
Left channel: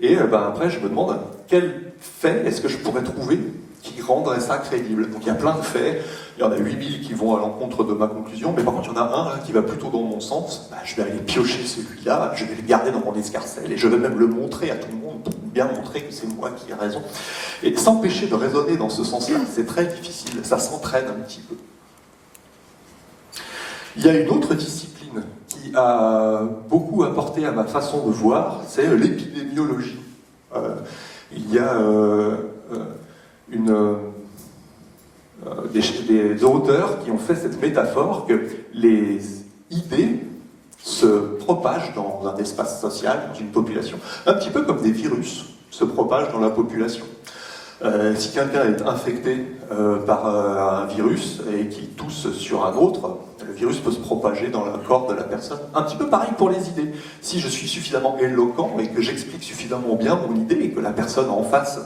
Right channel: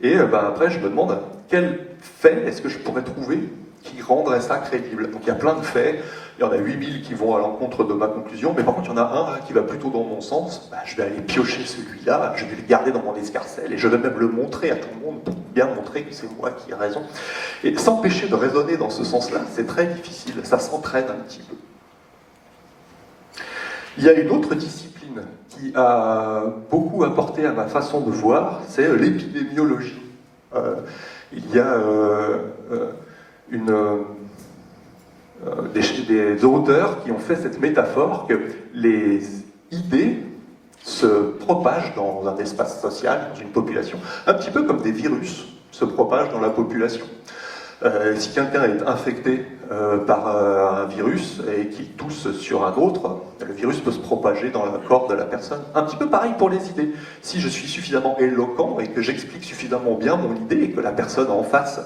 et après, je me demande quel fait est-ce que je pourrais trouver qui rendrait ça crédible. Donc il y a plein de faits, il y en a 8000 qui vont à l'encontre de ma conclusion, mais par contre il y en a un là, qui va plutôt dans mon sens, je vais aller piocher celui-là, je vais le garder dans mon escarcelle, et je vais même le montrer à tout le monde pour bien montrer que c'est moi qui ai raison. Et s'empêcher de raisonner dans ce sens-là, c'est très difficile, ça s'entraîne un petit peu. Il y a une autre discipline qui a beaucoup apporté à ma façon de voir, c'est l'épidémiologie. Il y a des auteurs qui ont fait cette métaphore que les idées se propagent dans un espace social, dans une population, un petit peu comme des virus se propagent dans la population. Si quelqu'un est infecté par un virus et qu'il tousse sur un autre, le virus peut se propager dans le corps de la personne. Un petit peu pareil pour les idées. Si je suis suffisamment éloquent et que j'explique suffisamment bien mon idée et que la personne en face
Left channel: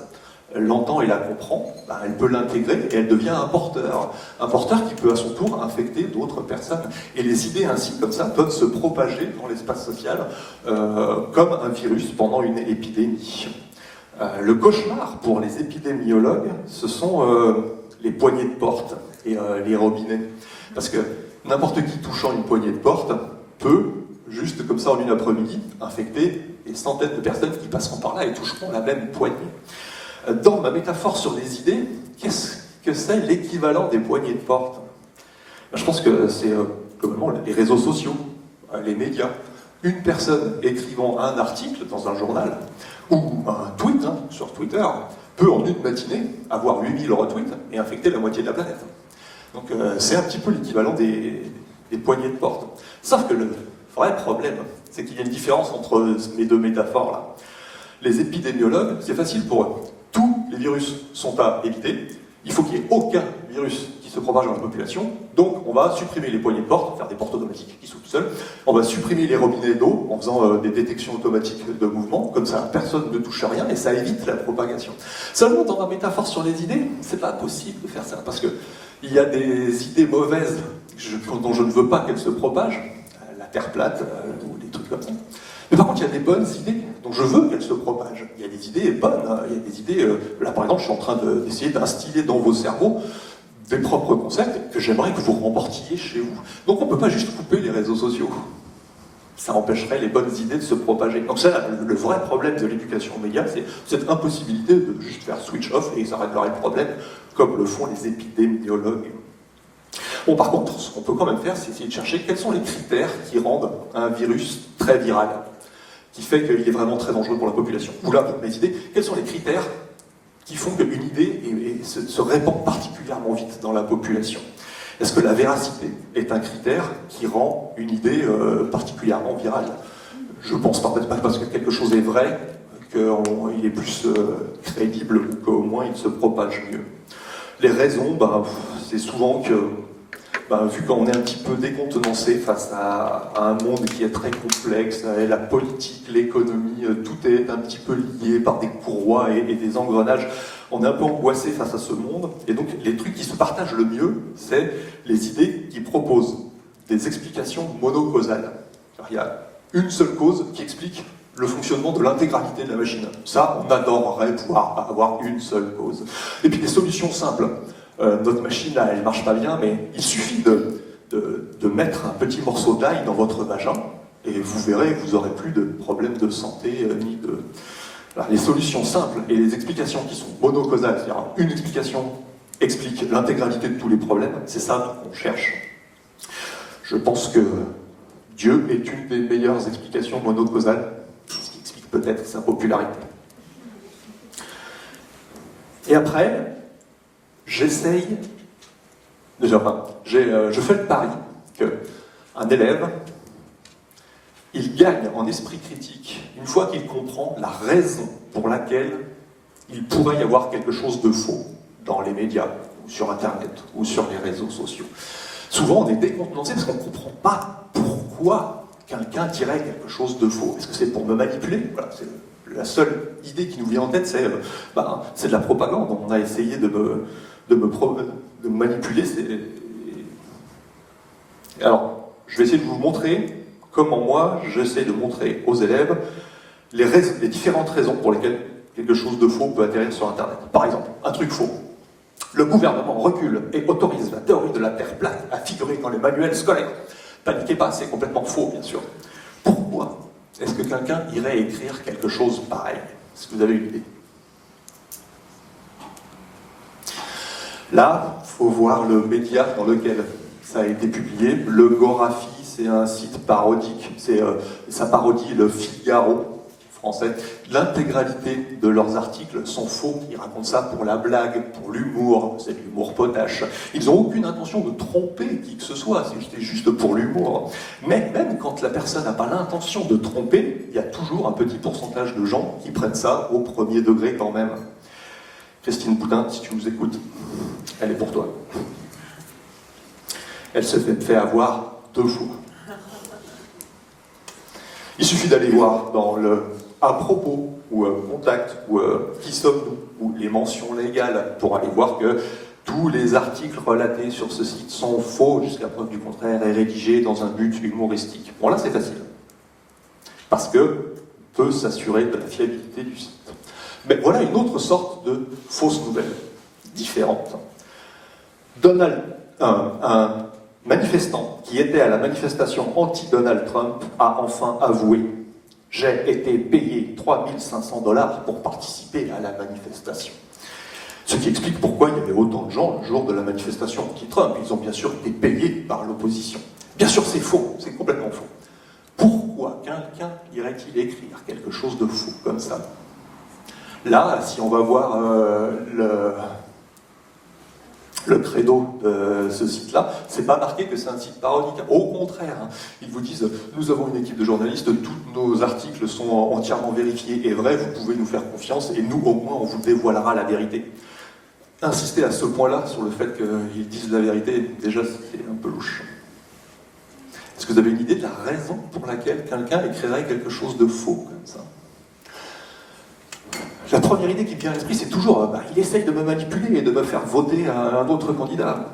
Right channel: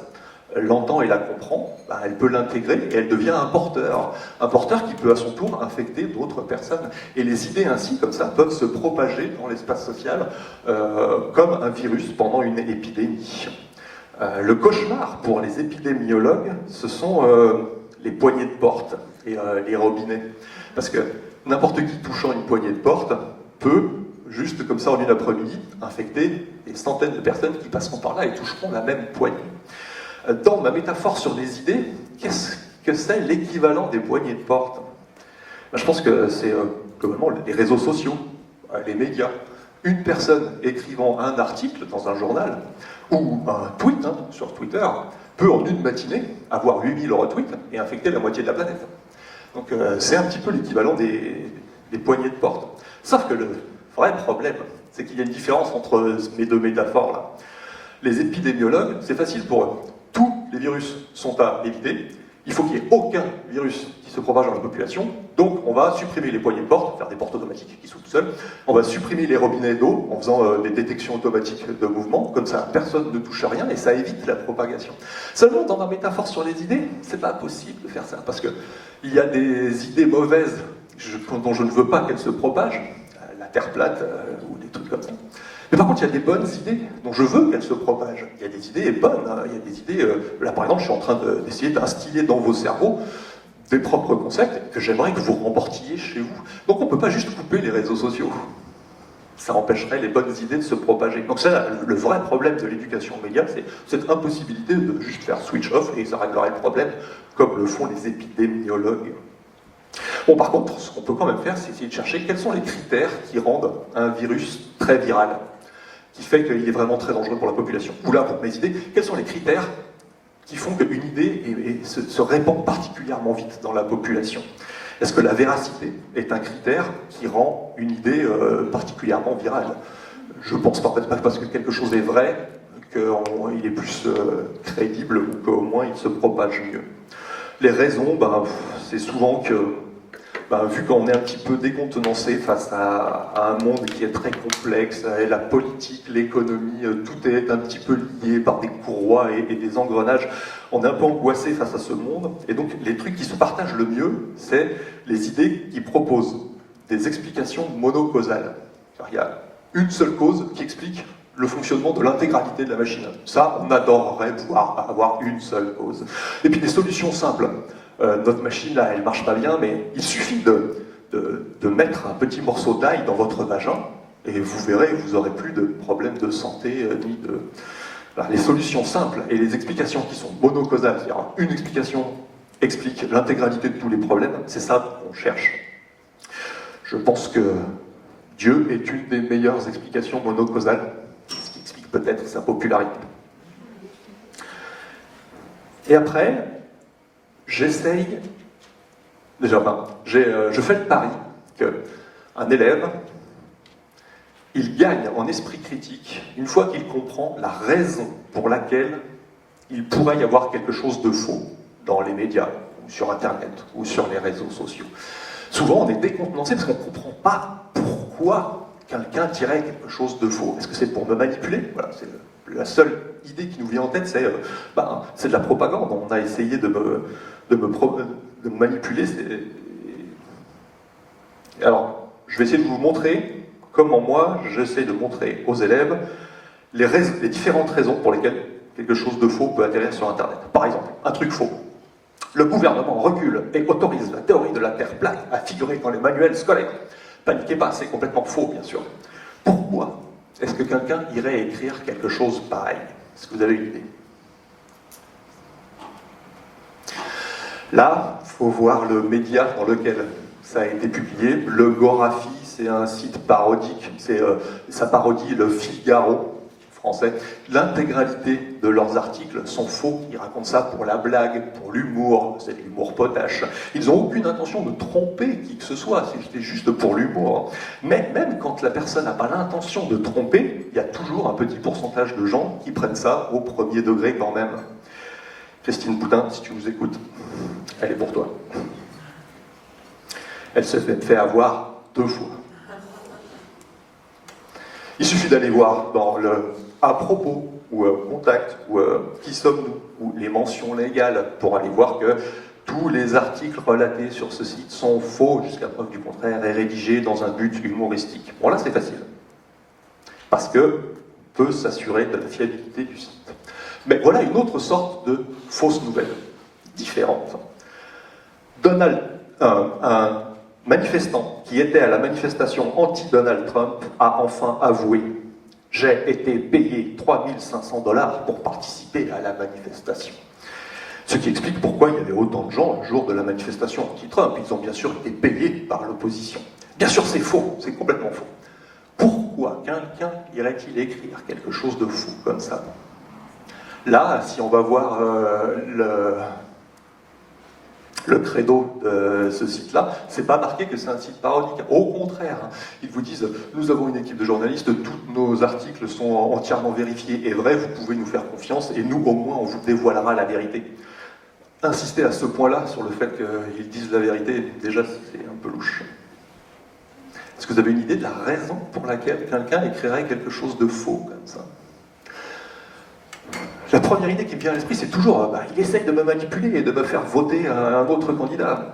l'entend et la comprend, elle peut l'intégrer et elle devient un porteur qui peut à son tour infecter d'autres personnes. Et les idées ainsi, comme ça, peuvent se propager dans l'espace social comme un virus pendant une épidémie. Le cauchemar pour les épidémiologues, ce sont les poignées de porte et les robinets. Parce que n'importe qui touchant une poignée de porte peut, juste comme ça en une après-midi, infecter des centaines de personnes qui passeront par là et toucheront la même poignée. Dans ma métaphore sur les idées, qu'est-ce que c'est l'équivalent des poignées de porte? Je pense que c'est globalement les réseaux sociaux, les médias. Une personne écrivant un article dans un journal, ou un tweet sur Twitter, peut en une matinée avoir 8000 retweets et infecter la moitié de la planète. Donc c'est un petit peu l'équivalent des poignées de porte. Sauf que le vrai problème, c'est qu'il y a une différence entre mes deux métaphores-là. Les épidémiologues, c'est facile pour eux. Tous les virus sont à éviter. Il faut qu'il n'y ait aucun virus qui se propage dans la population. Donc, on va supprimer les poignées de porte, faire des portes automatiques qui s'ouvrent tout seuls. On va supprimer les robinets d'eau en faisant des détections automatiques de mouvement. Comme ça, personne ne touche à rien et ça évite la propagation. Seulement, dans ma métaphore sur les idées, c'est pas possible de faire ça. Parce qu'il y a des idées mauvaises dont je ne veux pas qu'elles se propagent. La Terre plate ou des trucs comme ça. Mais par contre, il y a des bonnes idées dont je veux qu'elles se propagent. Il y a des idées bonnes, il y a des idées... là, par exemple, je suis en train d'essayer d'instiller dans vos cerveaux des propres concepts que j'aimerais que vous remportiez chez vous. Donc on ne peut pas juste couper les réseaux sociaux. Ça empêcherait les bonnes idées de se propager. Donc c'est le vrai problème de l'éducation média, c'est cette impossibilité de juste faire switch off et ça réglerait le problème, comme le font les épidémiologues. Bon, par contre, ce qu'on peut quand même faire, c'est essayer de chercher quels sont les critères qui rendent un virus très viral, qui fait qu'il est vraiment très dangereux pour la population. Ou là, pour mes idées, quels sont les critères qui font qu'une idée se répand particulièrement vite dans la population? Est-ce que la véracité est un critère qui rend une idée particulièrement virale? Je pense pas, peut-être pas parce que quelque chose est vrai qu'il est plus crédible ou qu'au moins il se propage mieux. Les raisons, c'est souvent que vu qu'on est un petit peu décontenancé face à un monde qui est très complexe, et la politique, l'économie, tout est un petit peu lié par des courroies et des engrenages, on est un peu angoissé face à ce monde, et donc les trucs qui se partagent le mieux, c'est les idées qui proposent des explications monocausales. Alors, il y a une seule cause qui explique le fonctionnement de l'intégralité de la machine. Ça, on adorerait pouvoir avoir une seule cause. Et puis des solutions simples. Notre machine, là, elle marche pas bien, mais il suffit de mettre un petit morceau d'ail dans votre vagin, et vous verrez, vous n'aurez plus de problèmes de santé, ni de... Alors, les solutions simples et les explications qui sont monocausales, c'est-à-dire une explication explique l'intégralité de tous les problèmes, c'est ça qu'on cherche. Je pense que Dieu est une des meilleures explications monocausales, ce qui explique peut-être sa popularité. Et après, j'essaye, déjà, je fais le pari qu'un élève, il gagne en esprit critique une fois qu'il comprend la raison pour laquelle il pourrait y avoir quelque chose de faux dans les médias, ou sur Internet, ou sur les réseaux sociaux. Souvent, on est décontenancé parce qu'on ne comprend pas pourquoi quelqu'un dirait quelque chose de faux. Est-ce que c'est pour me manipuler? Voilà, c'est la seule idée qui nous vient en tête, c'est de la propagande. On a essayé de me manipuler. Alors, je vais essayer de vous montrer comment moi, j'essaie de montrer aux élèves les différentes raisons pour lesquelles quelque chose de faux peut atterrir sur Internet. Par exemple, un truc faux. Le gouvernement recule et autorise la théorie de la Terre plate à figurer dans les manuels scolaires. Paniquez pas, c'est complètement faux, bien sûr. Pourquoi est-ce que quelqu'un irait écrire quelque chose pareil? Est-ce que vous avez une idée? Là, il faut voir le média dans lequel ça a été publié. Le Gorafi, c'est un site parodique. Ça parodie le Figaro français. L'intégralité de leurs articles sont faux. Ils racontent ça pour la blague, pour l'humour. C'est de l'humour potache. Ils n'ont aucune intention de tromper qui que ce soit. C'est juste pour l'humour. Mais même quand la personne n'a pas l'intention de tromper, il y a toujours un petit pourcentage de gens qui prennent ça au premier degré quand même. Christine Boutin, si tu nous écoutes, elle est pour toi. Elle se fait avoir 2 fois. Il suffit d'aller voir dans le à propos ou contact ou qui sommes-nous ou les mentions légales pour aller voir que tous les articles relatés sur ce site sont faux jusqu'à preuve du contraire et rédigés dans un but humoristique. Bon là c'est facile parce que on peut s'assurer de la fiabilité du site. Mais voilà une autre sorte de fausse nouvelle, différente. Un manifestant qui était à la manifestation anti-Donald Trump a enfin avoué « J'ai été payé 3 500 $ pour participer à la manifestation ». Ce qui explique pourquoi il y avait autant de gens le jour de la manifestation anti-Trump. Ils ont bien sûr été payés par l'opposition. Bien sûr c'est faux, c'est complètement faux. Pourquoi quelqu'un irait-il écrire quelque chose de fou comme ça? Là, si on va voir le credo de ce site-là, c'est pas marqué que c'est un site parodique. Au contraire, ils vous disent « Nous avons une équipe de journalistes, tous nos articles sont entièrement vérifiés et vrais, vous pouvez nous faire confiance et nous, au moins, on vous dévoilera la vérité. » Insister à ce point-là sur le fait qu'ils disent la vérité, déjà, c'est un peu louche. Est-ce que vous avez une idée de la raison pour laquelle quelqu'un écrirait quelque chose de faux comme ça? La première idée qui me vient à l'esprit, c'est toujours il essaye de me manipuler et de me faire voter à un autre candidat.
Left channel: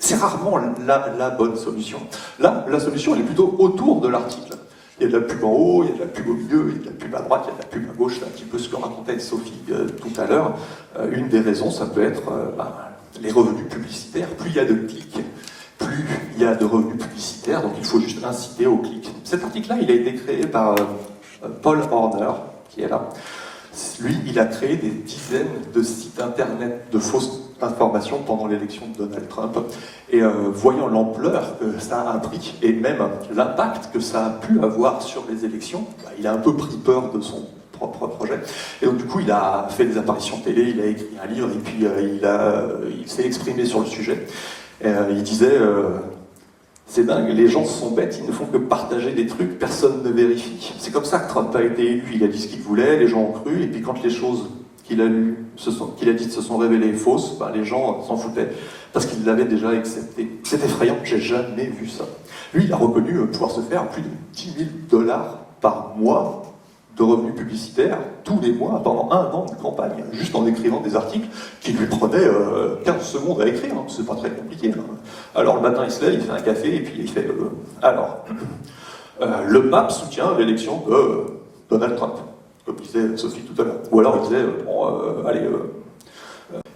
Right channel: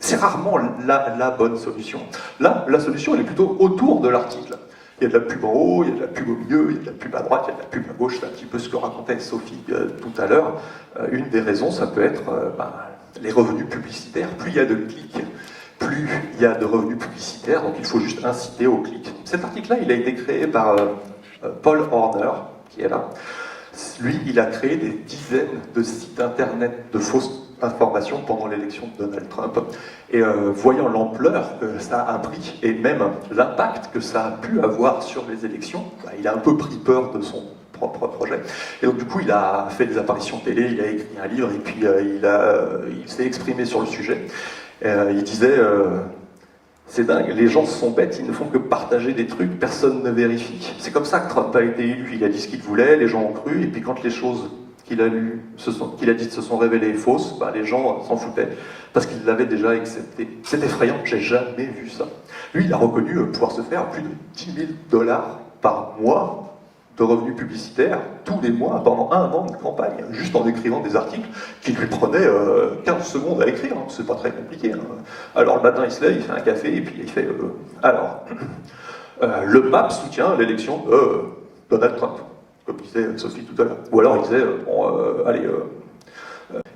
C'est rarement la bonne solution. Là, la solution, elle est plutôt autour de l'article. Il y a de la pub en haut, il y a de la pub au milieu, il y a de la pub à droite, il y a de la pub à gauche. C'est un petit peu ce que racontait Sophie tout à l'heure. Une des raisons, ça peut être les revenus publicitaires. Plus il y a de clics, plus il y a de revenus publicitaires, donc il faut juste inciter au clic. Cet article-là, il a été créé par Paul Horner, qui est là. Lui, il a créé des dizaines de sites internet de fausses informations pendant l'élection de Donald Trump. Et voyant l'ampleur que ça a pris, et même l'impact que ça a pu avoir sur les élections, il a un peu pris peur de son propre projet. Et donc du coup, il a fait des apparitions télé, il a écrit un livre, et puis il s'est exprimé sur le sujet. Il disait... c'est dingue, les gens sont bêtes, ils ne font que partager des trucs, personne ne vérifie. C'est comme ça que Trump a été élu, il a dit ce qu'il voulait, les gens ont cru, et puis quand les choses qu'il a dites se sont révélées fausses, les gens s'en foutaient, parce qu'il l'avait déjà accepté. C'est effrayant, j'ai jamais vu ça. Lui, il a reconnu pouvoir se faire plus de 10 000 $ par mois de revenus publicitaires, tous les mois, pendant 1 an de campagne, juste en écrivant des articles qui lui prenaient 15 secondes à écrire, c'est pas très compliqué. Alors le matin il se lève, il fait un café, et puis il fait le pape soutient l'élection de Donald Trump, comme disait Sophie tout à l'heure. Ou alors il disait,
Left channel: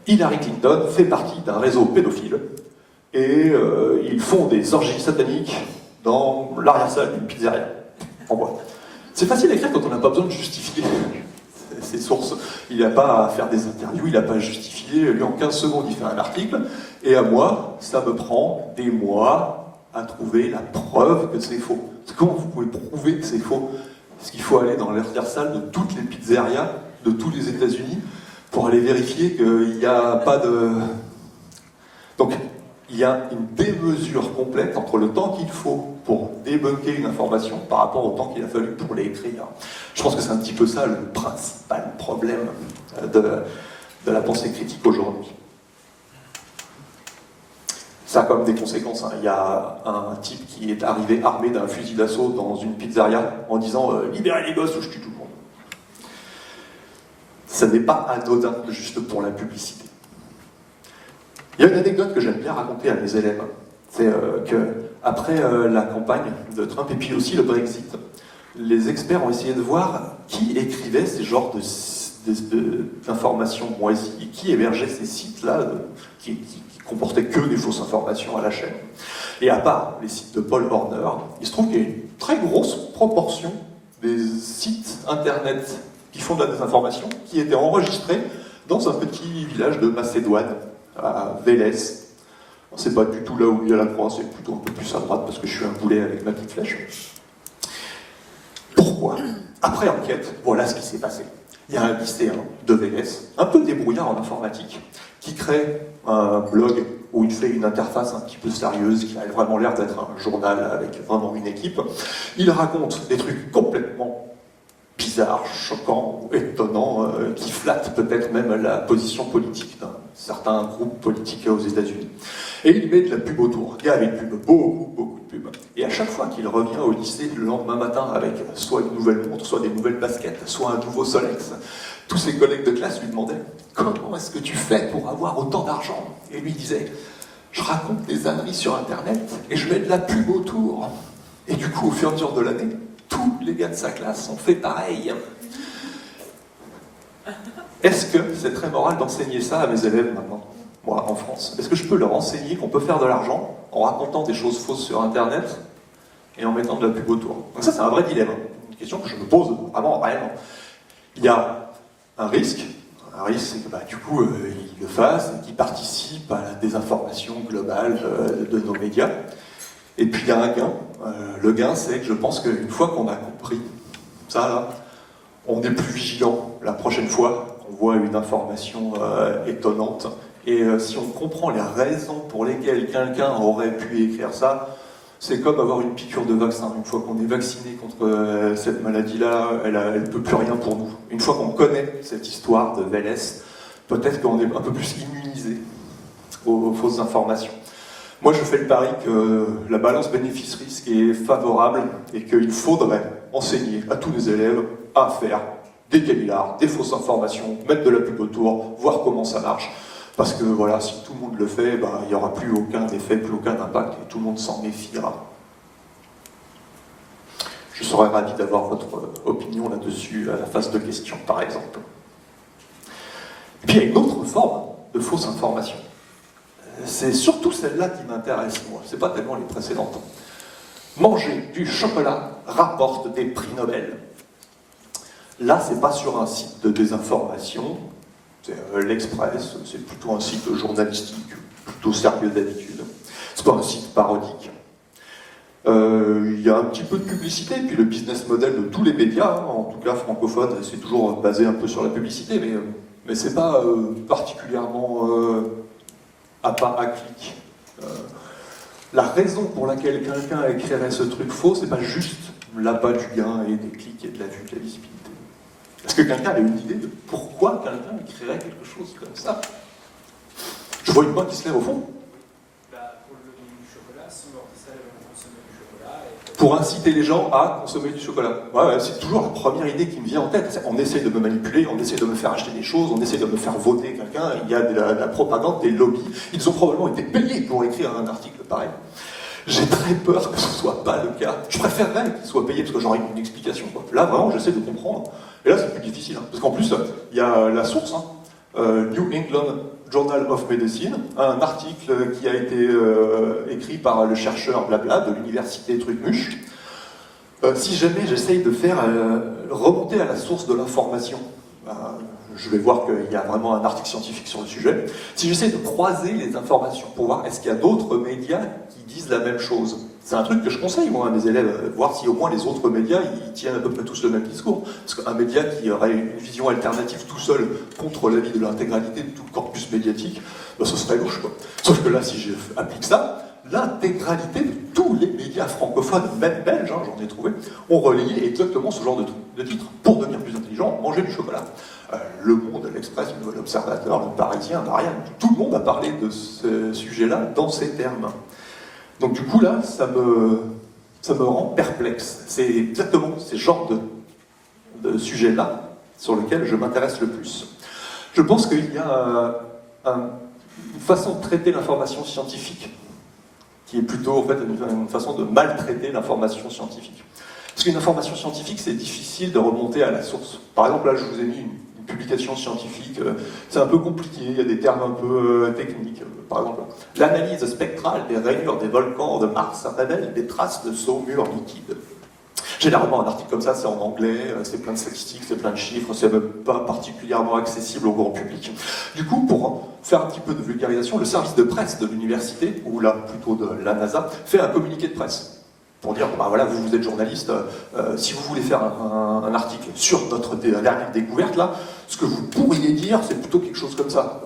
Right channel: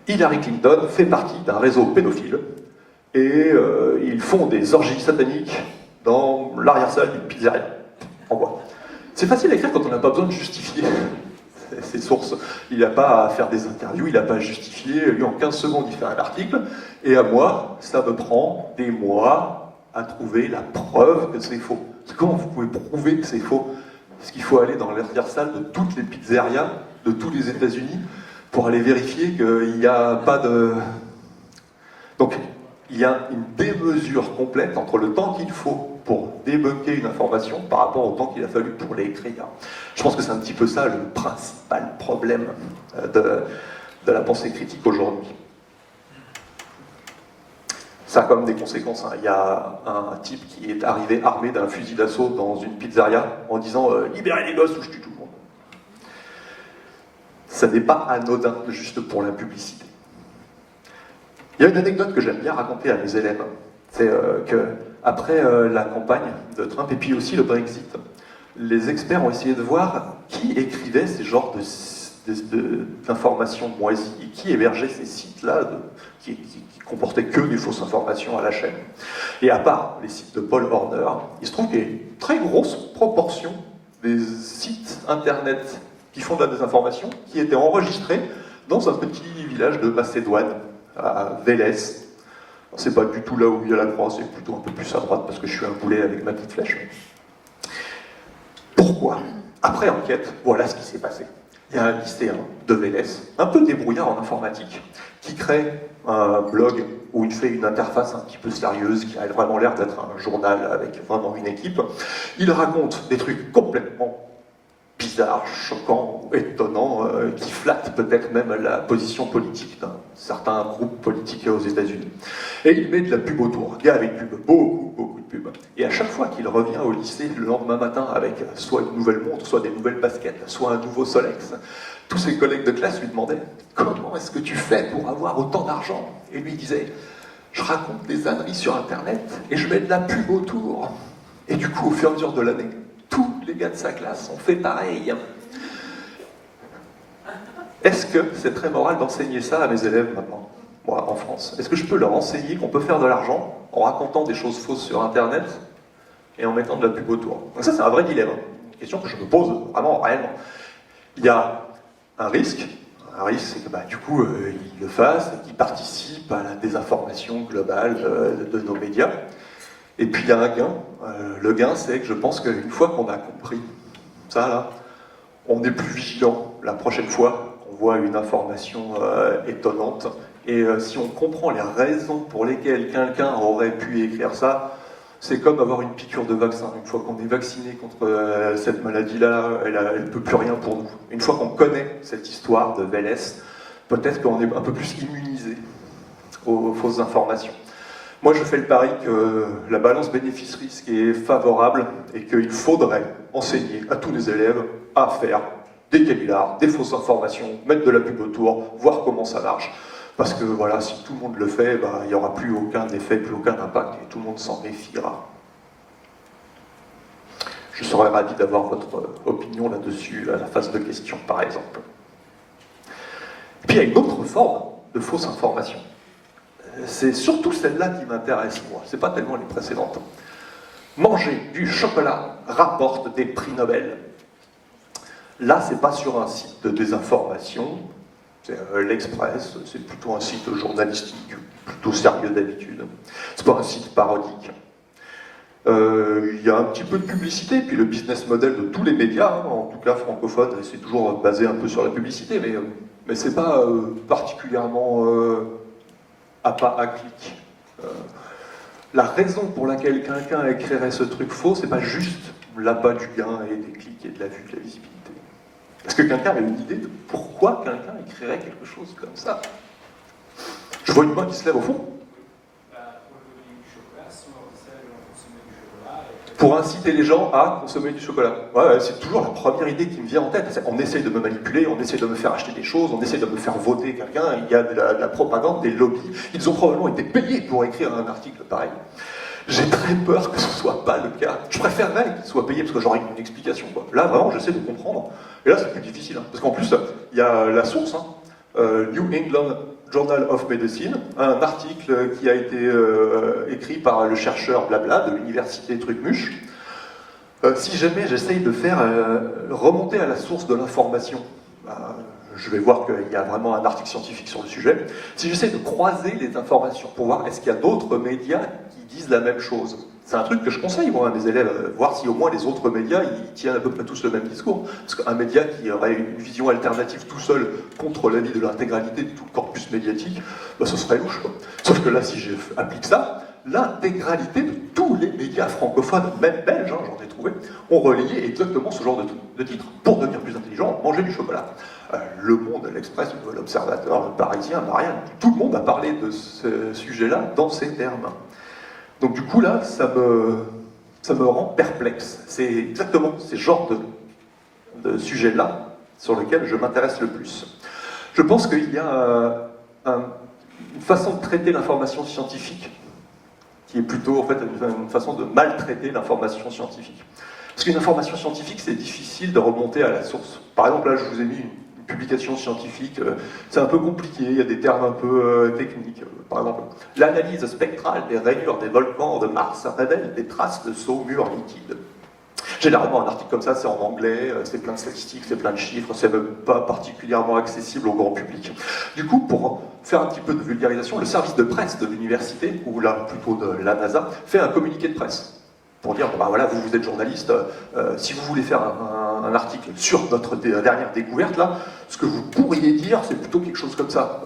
Hillary Clinton fait partie d'un réseau pédophile, et ils font des orgies sataniques dans l'arrière-salle d'une pizzeria, en bois. C'est facile à écrire quand on n'a pas besoin de justifier ses sources. Il n'a pas à faire des interviews, il n'a pas à justifier. Lui, en 15 secondes, il fait un article. Et à moi, ça me prend des mois à trouver la preuve que c'est faux. Comment vous pouvez prouver que c'est faux? Parce qu'il faut aller dans l'arrière-salle de toutes les pizzerias de tous les États-Unis, pour aller vérifier qu'il n'y a pas de... Donc, il y a une démesure complète entre le temps qu'il faut pour débunker une information par rapport au temps qu'il a fallu pour l'écrire. Je pense que c'est un petit peu ça le principal problème de la pensée critique aujourd'hui. Ça a comme des conséquences. Il y a un type qui est arrivé armé d'un fusil d'assaut dans une pizzeria en disant « Libérez les gosses ou je tue tout le monde ». Ça n'est pas anodin juste pour la publicité. Il y a une anecdote que j'aime bien raconter à mes élèves. C'est qu'après la campagne de Trump et puis aussi le Brexit, les experts ont essayé de voir qui écrivait ces genres d'informations moisies et qui hébergeait ces sites-là qui comportaient que des fausses informations à la chaîne. Et à part les sites de Paul Horner, il se trouve qu'il y a une très grosse proportion des sites internet qui font de la désinformation qui étaient enregistrés dans un petit village de Macédoine, à Vélez. C'est pas du tout là où il y a la croix, c'est plutôt un peu plus à droite parce que je suis un boulet avec ma petite flèche. Pourquoi? Après enquête, voilà ce qui s'est passé. Il y a un lycéen de Vélez, un peu débrouillard en informatique, qui crée un blog où il fait une interface un petit peu sérieuse, qui a vraiment l'air d'être un journal avec vraiment une équipe. Il raconte des trucs complètement bizarre, choquant, étonnant, qui flatte peut-être même la position politique d'un certain groupe politique aux États-Unis. Et il met de la pub autour. Il y a avec pub, beaucoup de pub. Et à chaque fois qu'il revient au lycée le lendemain matin avec soit une nouvelle montre, soit des nouvelles baskets, soit un nouveau Solex, tous ses collègues de classe lui demandaient « Comment est-ce que tu fais pour avoir autant d'argent ?» Et lui disait « Je raconte des âneries sur Internet et je mets de la pub autour. » Et du coup, au fur et à mesure de l'année, tous les gars de sa classe ont fait pareil. Est-ce que c'est très moral d'enseigner ça à mes élèves maintenant, moi, en France? Est-ce que je peux leur enseigner qu'on peut faire de l'argent en racontant des choses fausses sur Internet et en mettant de la pub autour? Donc ça, c'est un vrai dilemme. Une question que je me pose vraiment, réellement. Il y a un risque. Un risque, c'est que du coup, ils le fassent et qu'ils participent à la désinformation globale de nos médias. Et puis il y a un gain. Le gain, c'est que je pense qu'une fois qu'on a compris ça, là, on est plus vigilant la prochaine fois qu'on voit une information étonnante. Et si on comprend les raisons pour lesquelles quelqu'un aurait pu écrire ça, c'est comme avoir une piqûre de vaccin. Une fois qu'on est vacciné contre cette maladie-là, elle ne peut plus rien pour nous. Une fois qu'on connaît cette histoire de Vélez, peut-être qu'on est un peu plus immunisé aux fausses informations. Moi, je fais le pari que la balance bénéfice-risque est favorable et qu'il faudrait enseigner à tous les élèves à faire des canulars, des fausses informations, mettre de la pub autour, voir comment ça marche. Parce que voilà, si tout le monde le fait, il n'y aura plus aucun effet, plus aucun impact et tout le monde s'en méfiera. Je serais ravi d'avoir votre opinion là-dessus à la phase de questions, par exemple. Et puis il y a une autre forme de fausse information. C'est surtout celle-là qui m'intéresse, moi. C'est pas tellement les précédentes. Manger du chocolat rapporte des prix Nobel. Là, c'est pas sur un site de désinformation. C'est l'Express, c'est plutôt un site journalistique, plutôt sérieux d'habitude. C'est pas un site parodique. Il y a un petit peu de publicité, puis le business model de tous les médias, en tout cas francophones, c'est toujours basé un peu sur la publicité, mais c'est pas particulièrement à pas à clic. La raison pour laquelle quelqu'un écrirait ce truc faux, c'est pas juste l'appât du gain et des clics et de la vue, de la visibilité. Est-ce que quelqu'un a une idée de pourquoi quelqu'un écrirait quelque chose comme ça? Je vois une main qui se lève au fond. Pour le revenu du chocolat, si on consommer du chocolat. Pour inciter les gens à consommer du chocolat. Ouais, c'est toujours la première idée qui me vient en tête. On essaye de me manipuler, on essaye de me faire acheter des choses, on essaye de me faire voter quelqu'un. Il y a de la propagande, des lobbies. Ils ont probablement été payés pour écrire un article pareil. J'ai très peur que ce ne soit pas le cas. Je préférerais qu'ils soient payés parce que j'aurais une explication. Là, vraiment, j'essaie de comprendre. Et là, c'est plus difficile. Parce qu'en plus, il y a la source, New England Journal of Medicine, un article qui a été écrit par le chercheur blabla de l'université Trucmuche. Si jamais j'essaye de faire remonter à la source de l'information, je vais voir qu'il y a vraiment un article scientifique sur le sujet. Si j'essaie de croiser les informations pour voir est-ce qu'il y a d'autres médias qui disent la même chose, c'est un truc que je conseille moi à mes élèves, voir si au moins les autres médias ils tiennent à peu près tous le même discours. Parce qu'un média qui aurait une vision alternative tout seul contre l'avis de l'intégralité de tout le corpus médiatique, ben, ce serait louche, quoi. Sauf que là, si j'applique ça, l'intégralité de tous les médias francophones, même belges, hein, j'en ai trouvé, ont relayé exactement ce genre de titre. Pour devenir plus intelligent, manger du chocolat. Le Monde, l'Express, le Nouvel Observateur, le Parisien, rien. Tout le monde a parlé de ce sujet-là dans ces termes. Donc du coup, là, ça me rend perplexe. C'est exactement ces genres de sujets-là sur lesquels je m'intéresse le plus. Je pense qu'il y a une façon de traiter l'information scientifique qui est plutôt en fait une façon de maltraiter l'information scientifique. Parce qu'une information scientifique, c'est difficile de remonter à la source. Par exemple, là, je vous ai mis une publication scientifique, c'est un peu compliqué, il y a des termes un peu techniques. Par exemple, l'analyse spectrale des rainures des volcans de Mars révèle des traces de saumure liquide. Généralement, un article comme ça, c'est en anglais, c'est plein de statistiques, c'est plein de chiffres, c'est même pas particulièrement accessible au grand public. Du coup, pour faire un petit peu de vulgarisation, le service de presse de l'université, ou là, plutôt de la NASA, fait un communiqué de presse. Pour dire, bah voilà, vous êtes journaliste, si vous voulez faire un article sur notre dernière découverte, là, ce que vous pourriez dire, c'est plutôt quelque chose comme ça.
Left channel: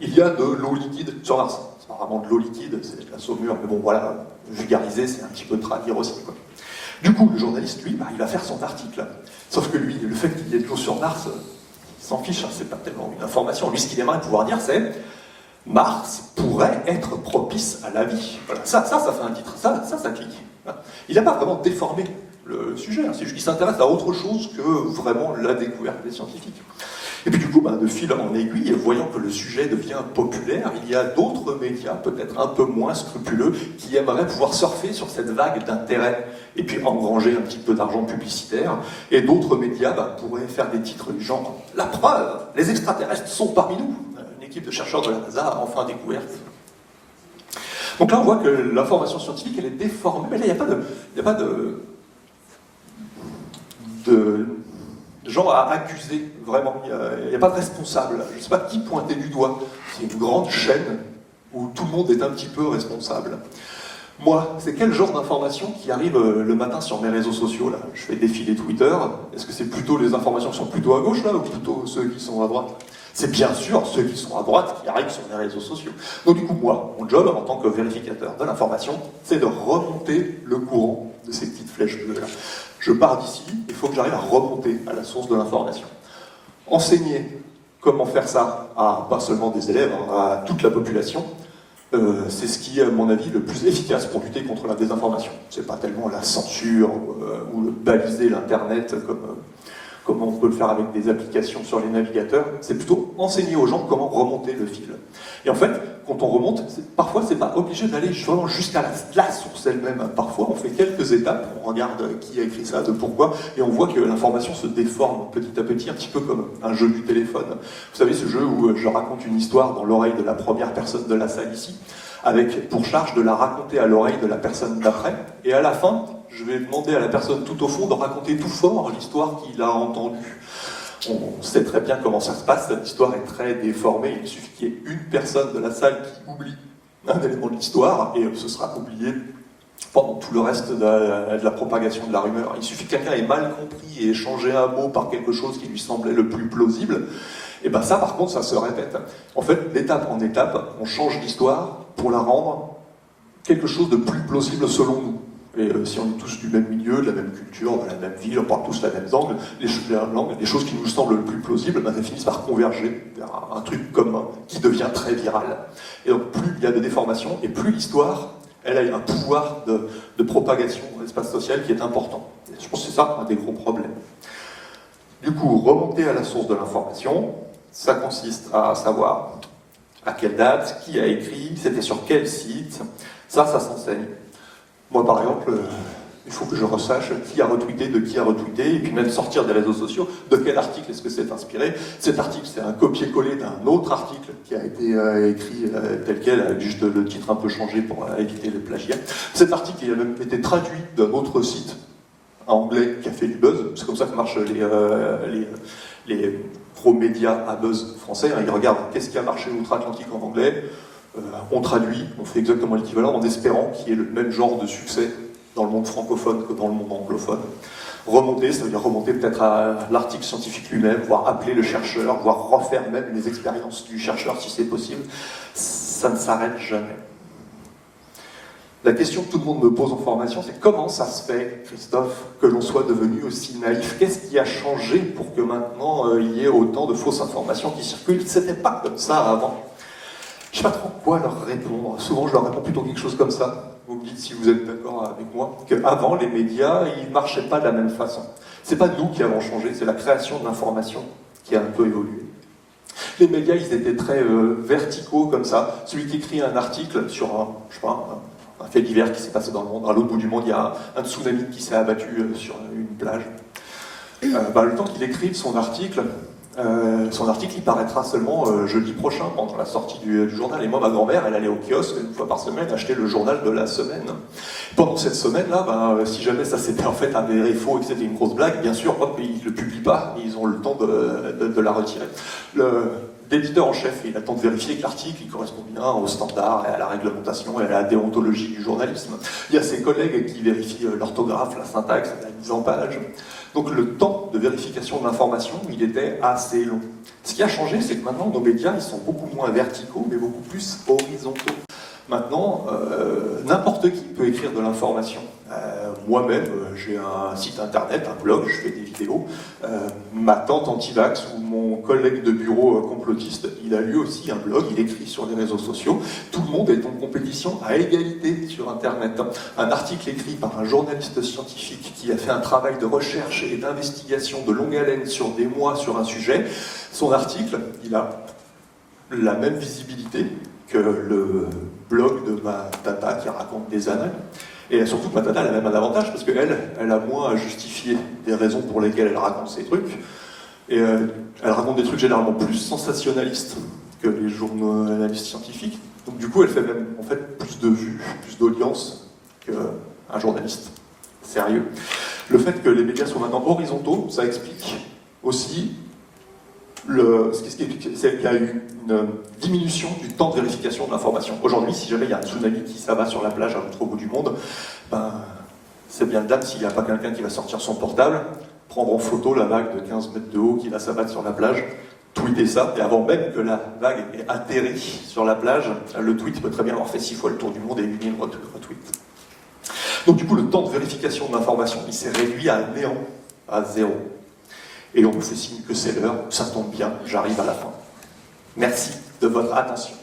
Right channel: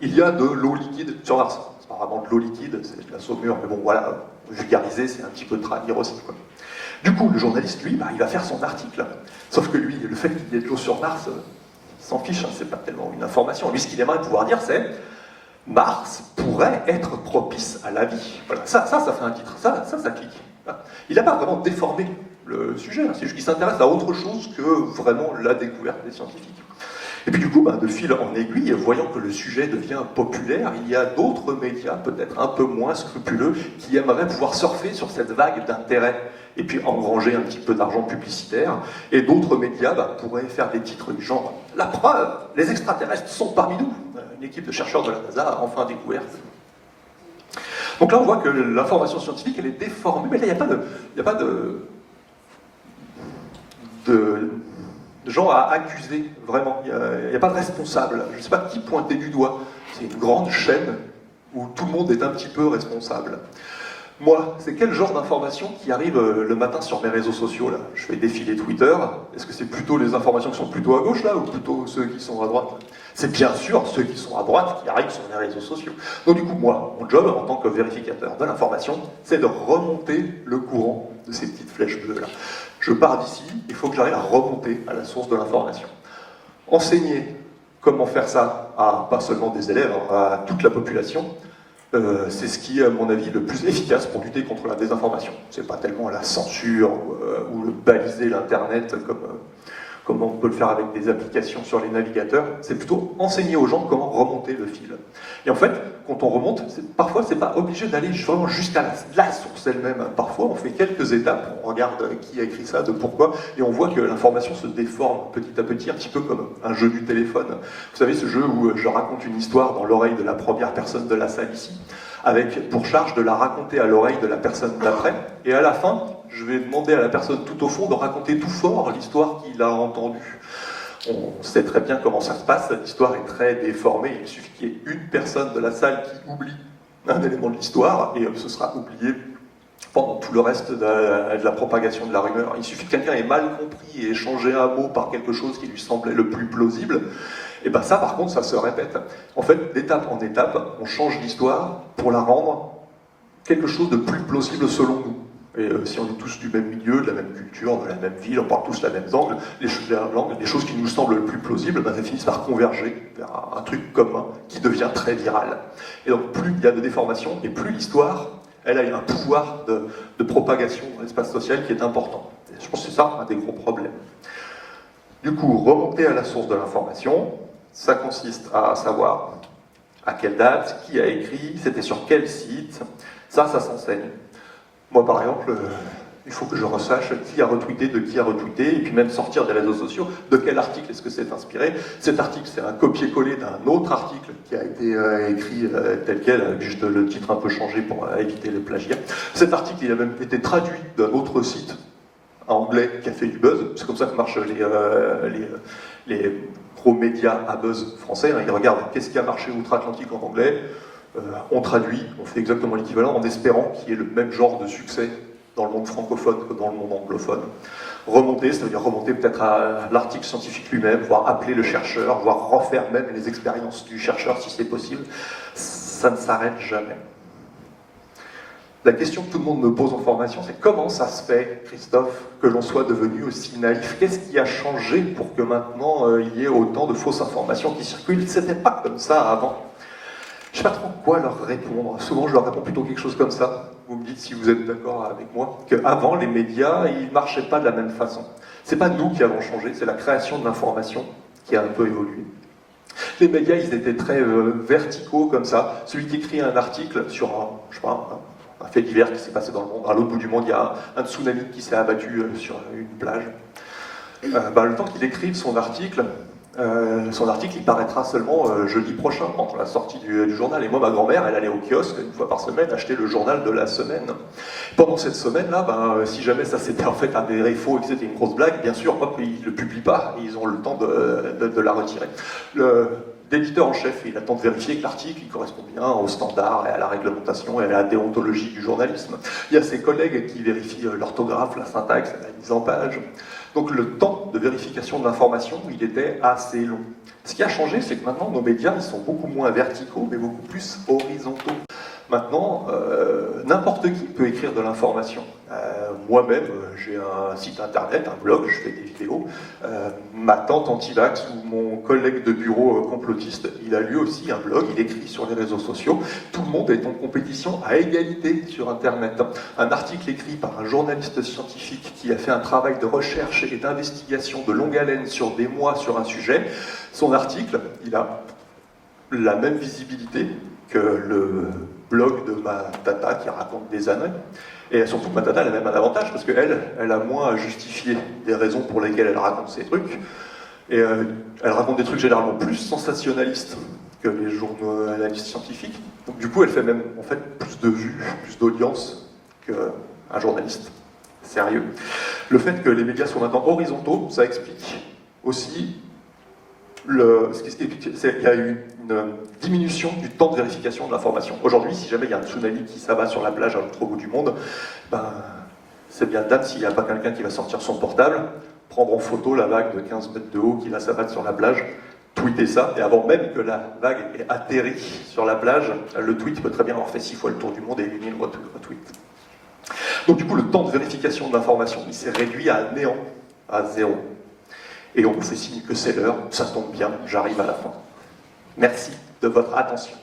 Il y a de l'eau liquide sur Mars. C'est pas vraiment de l'eau liquide, c'est de la saumure, mais bon, voilà, vulgariser, c'est un petit peu traduire aussi, quoi. Du coup, le journaliste, lui, bah, il va faire son article. Sauf que lui, le fait qu'il y ait de l'eau sur Mars, il s'en fiche, hein, c'est pas tellement une information. Lui, ce qu'il aimerait pouvoir dire, c'est Mars pourrait être propice à la vie. Voilà. Ça fait un titre, ça clique. Il n'a pas vraiment déformé le sujet, hein. C'est juste qu'il s'intéresse à autre chose que vraiment la découverte des scientifiques. Et puis du coup, de fil en aiguille, voyant que le sujet devient populaire, il y a d'autres médias, peut-être un peu moins scrupuleux, qui aimeraient pouvoir surfer sur cette vague d'intérêt et puis engranger un petit peu d'argent publicitaire. Et d'autres médias pourraient faire des titres du genre « La preuve, les extraterrestres sont parmi nous !» Une équipe de chercheurs de la NASA a enfin découvert. Donc là, on voit que l'information scientifique, elle est déformée. Mais là, il n'y a pas de gens à accuser, vraiment. Il n'y a pas de responsable. Je ne sais pas qui pointer du doigt. C'est une grande chaîne où tout le monde est un petit peu responsable. Moi, c'est quel genre d'informations qui arrivent le matin sur mes réseaux sociaux, là? Je fais défiler Twitter. Est-ce que c'est plutôt les informations qui sont plutôt à gauche, là, ou plutôt ceux qui sont à droite? C'est bien sûr ceux qui sont à droite qui arrivent sur les réseaux sociaux. Donc du coup, moi, mon job, en tant que vérificateur de l'information, c'est de remonter le courant de ces petites flèches bleues-là. Je pars d'ici, il faut que j'arrive à remonter à la source de l'information. Enseigner comment faire ça à pas seulement des élèves, hein, à toute la population, c'est ce qui est, à mon avis, le plus efficace pour lutter contre la désinformation. C'est pas tellement la censure ou le baliser l'Internet comme on peut le faire avec des applications sur les navigateurs, c'est plutôt enseigner aux gens comment remonter le fil. Et en fait, quand on remonte, parfois c'est pas obligé d'aller vraiment jusqu'à la source elle-même. Parfois on fait quelques étapes, on regarde qui a écrit ça, de pourquoi, et on voit que l'information se déforme petit à petit, un petit peu comme un jeu du téléphone. Vous savez, ce jeu où je raconte une histoire dans l'oreille de la première personne de la salle ici, avec pour charge de la raconter à l'oreille de la personne d'après, et à la fin, je vais demander à la personne tout au fond de raconter tout fort l'histoire qu'il a entendue. On sait très bien comment ça se passe, cette histoire est très déformée, il suffit qu'il y ait une personne de la salle qui oublie un élément de l'histoire, et ce sera oublié pendant tout le reste de la propagation de la rumeur. Il suffit que quelqu'un ait mal compris et ait changé un mot par quelque chose qui lui semblait le plus plausible, et bien ça par contre ça se répète. En fait, d'étape en étape, on change l'histoire pour la rendre quelque chose de plus plausible selon nous. Et si on est tous du même milieu, de la même culture, de la même ville, on parle tous la même langue, les choses qui nous semblent le plus plausibles, elles finissent par converger vers un truc commun qui devient très viral. Et donc plus il y a de déformations, et plus l'histoire, elle a un pouvoir de propagation dans l'espace social qui est important. Et je pense que c'est ça un des gros problèmes. Du coup, remonter à la source de l'information, ça consiste à savoir à quelle date, qui a écrit, c'était sur quel site, ça s'enseigne. Moi, par exemple, il faut que je resache qui a retweeté, de qui a retweeté, et puis même sortir des réseaux sociaux, de quel article est-ce que c'est inspiré. Cet article, c'est un copier-coller d'un autre article qui a été écrit tel quel, avec juste le titre un peu changé pour éviter le plagiat. Cet article, il a même été traduit d'un autre site un Anglais qui a fait du buzz, c'est comme ça que marchent les gros médias à buzz français, hein. Ils regardent qu'est-ce qui a marché outre-Atlantique en anglais, on traduit, on fait exactement l'équivalent en espérant qu'il y ait le même genre de succès dans le monde francophone que dans le monde anglophone. Remonter, ça veut dire remonter peut-être à l'article scientifique lui-même, voire appeler le chercheur, voire refaire même les expériences du chercheur si c'est possible. Ça ne s'arrête jamais. La question que tout le monde me pose en formation, c'est comment ça se fait, Christophe, que l'on soit devenu aussi naïf? Qu'est-ce qui a changé pour que maintenant il y ait autant de fausses informations qui circulent? C'était pas comme ça avant. Je ne sais pas trop quoi leur répondre. Souvent, je leur réponds plutôt quelque chose comme ça. Vous me dites si vous êtes d'accord avec moi, qu'avant, les médias, ils ne marchaient pas de la même façon. C'est pas nous qui avons changé, c'est la création de l'information qui a un peu évolué. Les médias, ils étaient très verticaux comme ça. Celui qui écrit un article sur un fait divers qui s'est passé dans le monde, à l'autre bout du monde, il y a un tsunami qui s'est abattu sur une plage. Le temps qu'il écrive son article, il paraîtra seulement jeudi prochain, pendant la sortie du journal. Et moi, ma grand-mère, elle allait au kiosque une fois par semaine acheter le journal de la semaine. Pendant cette semaine-là, si jamais ça s'était en fait avéré faux et que c'était une grosse blague, bien sûr, hop, ils ne le publient pas, ils ont le temps de la retirer. L'éditeur en chef, il attend de vérifier que l'article il correspond bien aux standards et à la réglementation et à la déontologie du journalisme. Il y a ses collègues qui vérifient l'orthographe, la syntaxe, la mise en page. Donc le temps de vérification de l'information, il était assez long. Ce qui a changé, c'est que maintenant, nos médias ils sont beaucoup moins verticaux, mais beaucoup plus horizontaux. Maintenant, n'importe qui peut écrire de l'information. Moi-même, j'ai un site internet, un blog, je fais des vidéos. Ma tante anti-vax ou mon collègue de bureau complotiste, il a lui aussi un blog, il écrit sur les réseaux sociaux. Tout le monde est en compétition à égalité sur Internet. Un article écrit par un journaliste scientifique qui a fait un travail de recherche et d'investigation de longue haleine sur des mois sur un sujet, son article, il a la même visibilité que le blog de ma tata qui raconte des annales. Et surtout que ma tata, elle a même un avantage, parce qu'elle, elle a moins à justifier des raisons pour lesquelles elle raconte ces trucs. Et elle raconte des trucs généralement plus sensationnalistes que les journalistes scientifiques. Donc du coup, elle fait même en fait plus de vues, plus d'audience qu'un journaliste sérieux. Le fait que les médias soient maintenant horizontaux, ça explique aussi il y a eu une diminution du temps de vérification de l'information. Aujourd'hui, si jamais il y a un tsunami qui s'abat sur la plage à l'autre bout du monde, c'est bien dame s'il n'y a pas quelqu'un qui va sortir son portable, prendre en photo la vague de 15 mètres de haut qui va s'abattre sur la plage, tweeter ça, et avant même que la vague ait atterri sur la plage, le tweet peut très bien avoir fait 6 fois le tour du monde et 8000 retweets. Donc du coup, le temps de vérification de l'information, il s'est réduit à néant, à 0. Et on me fait signe que c'est l'heure, ça tombe bien, j'arrive à la fin. Merci de votre attention.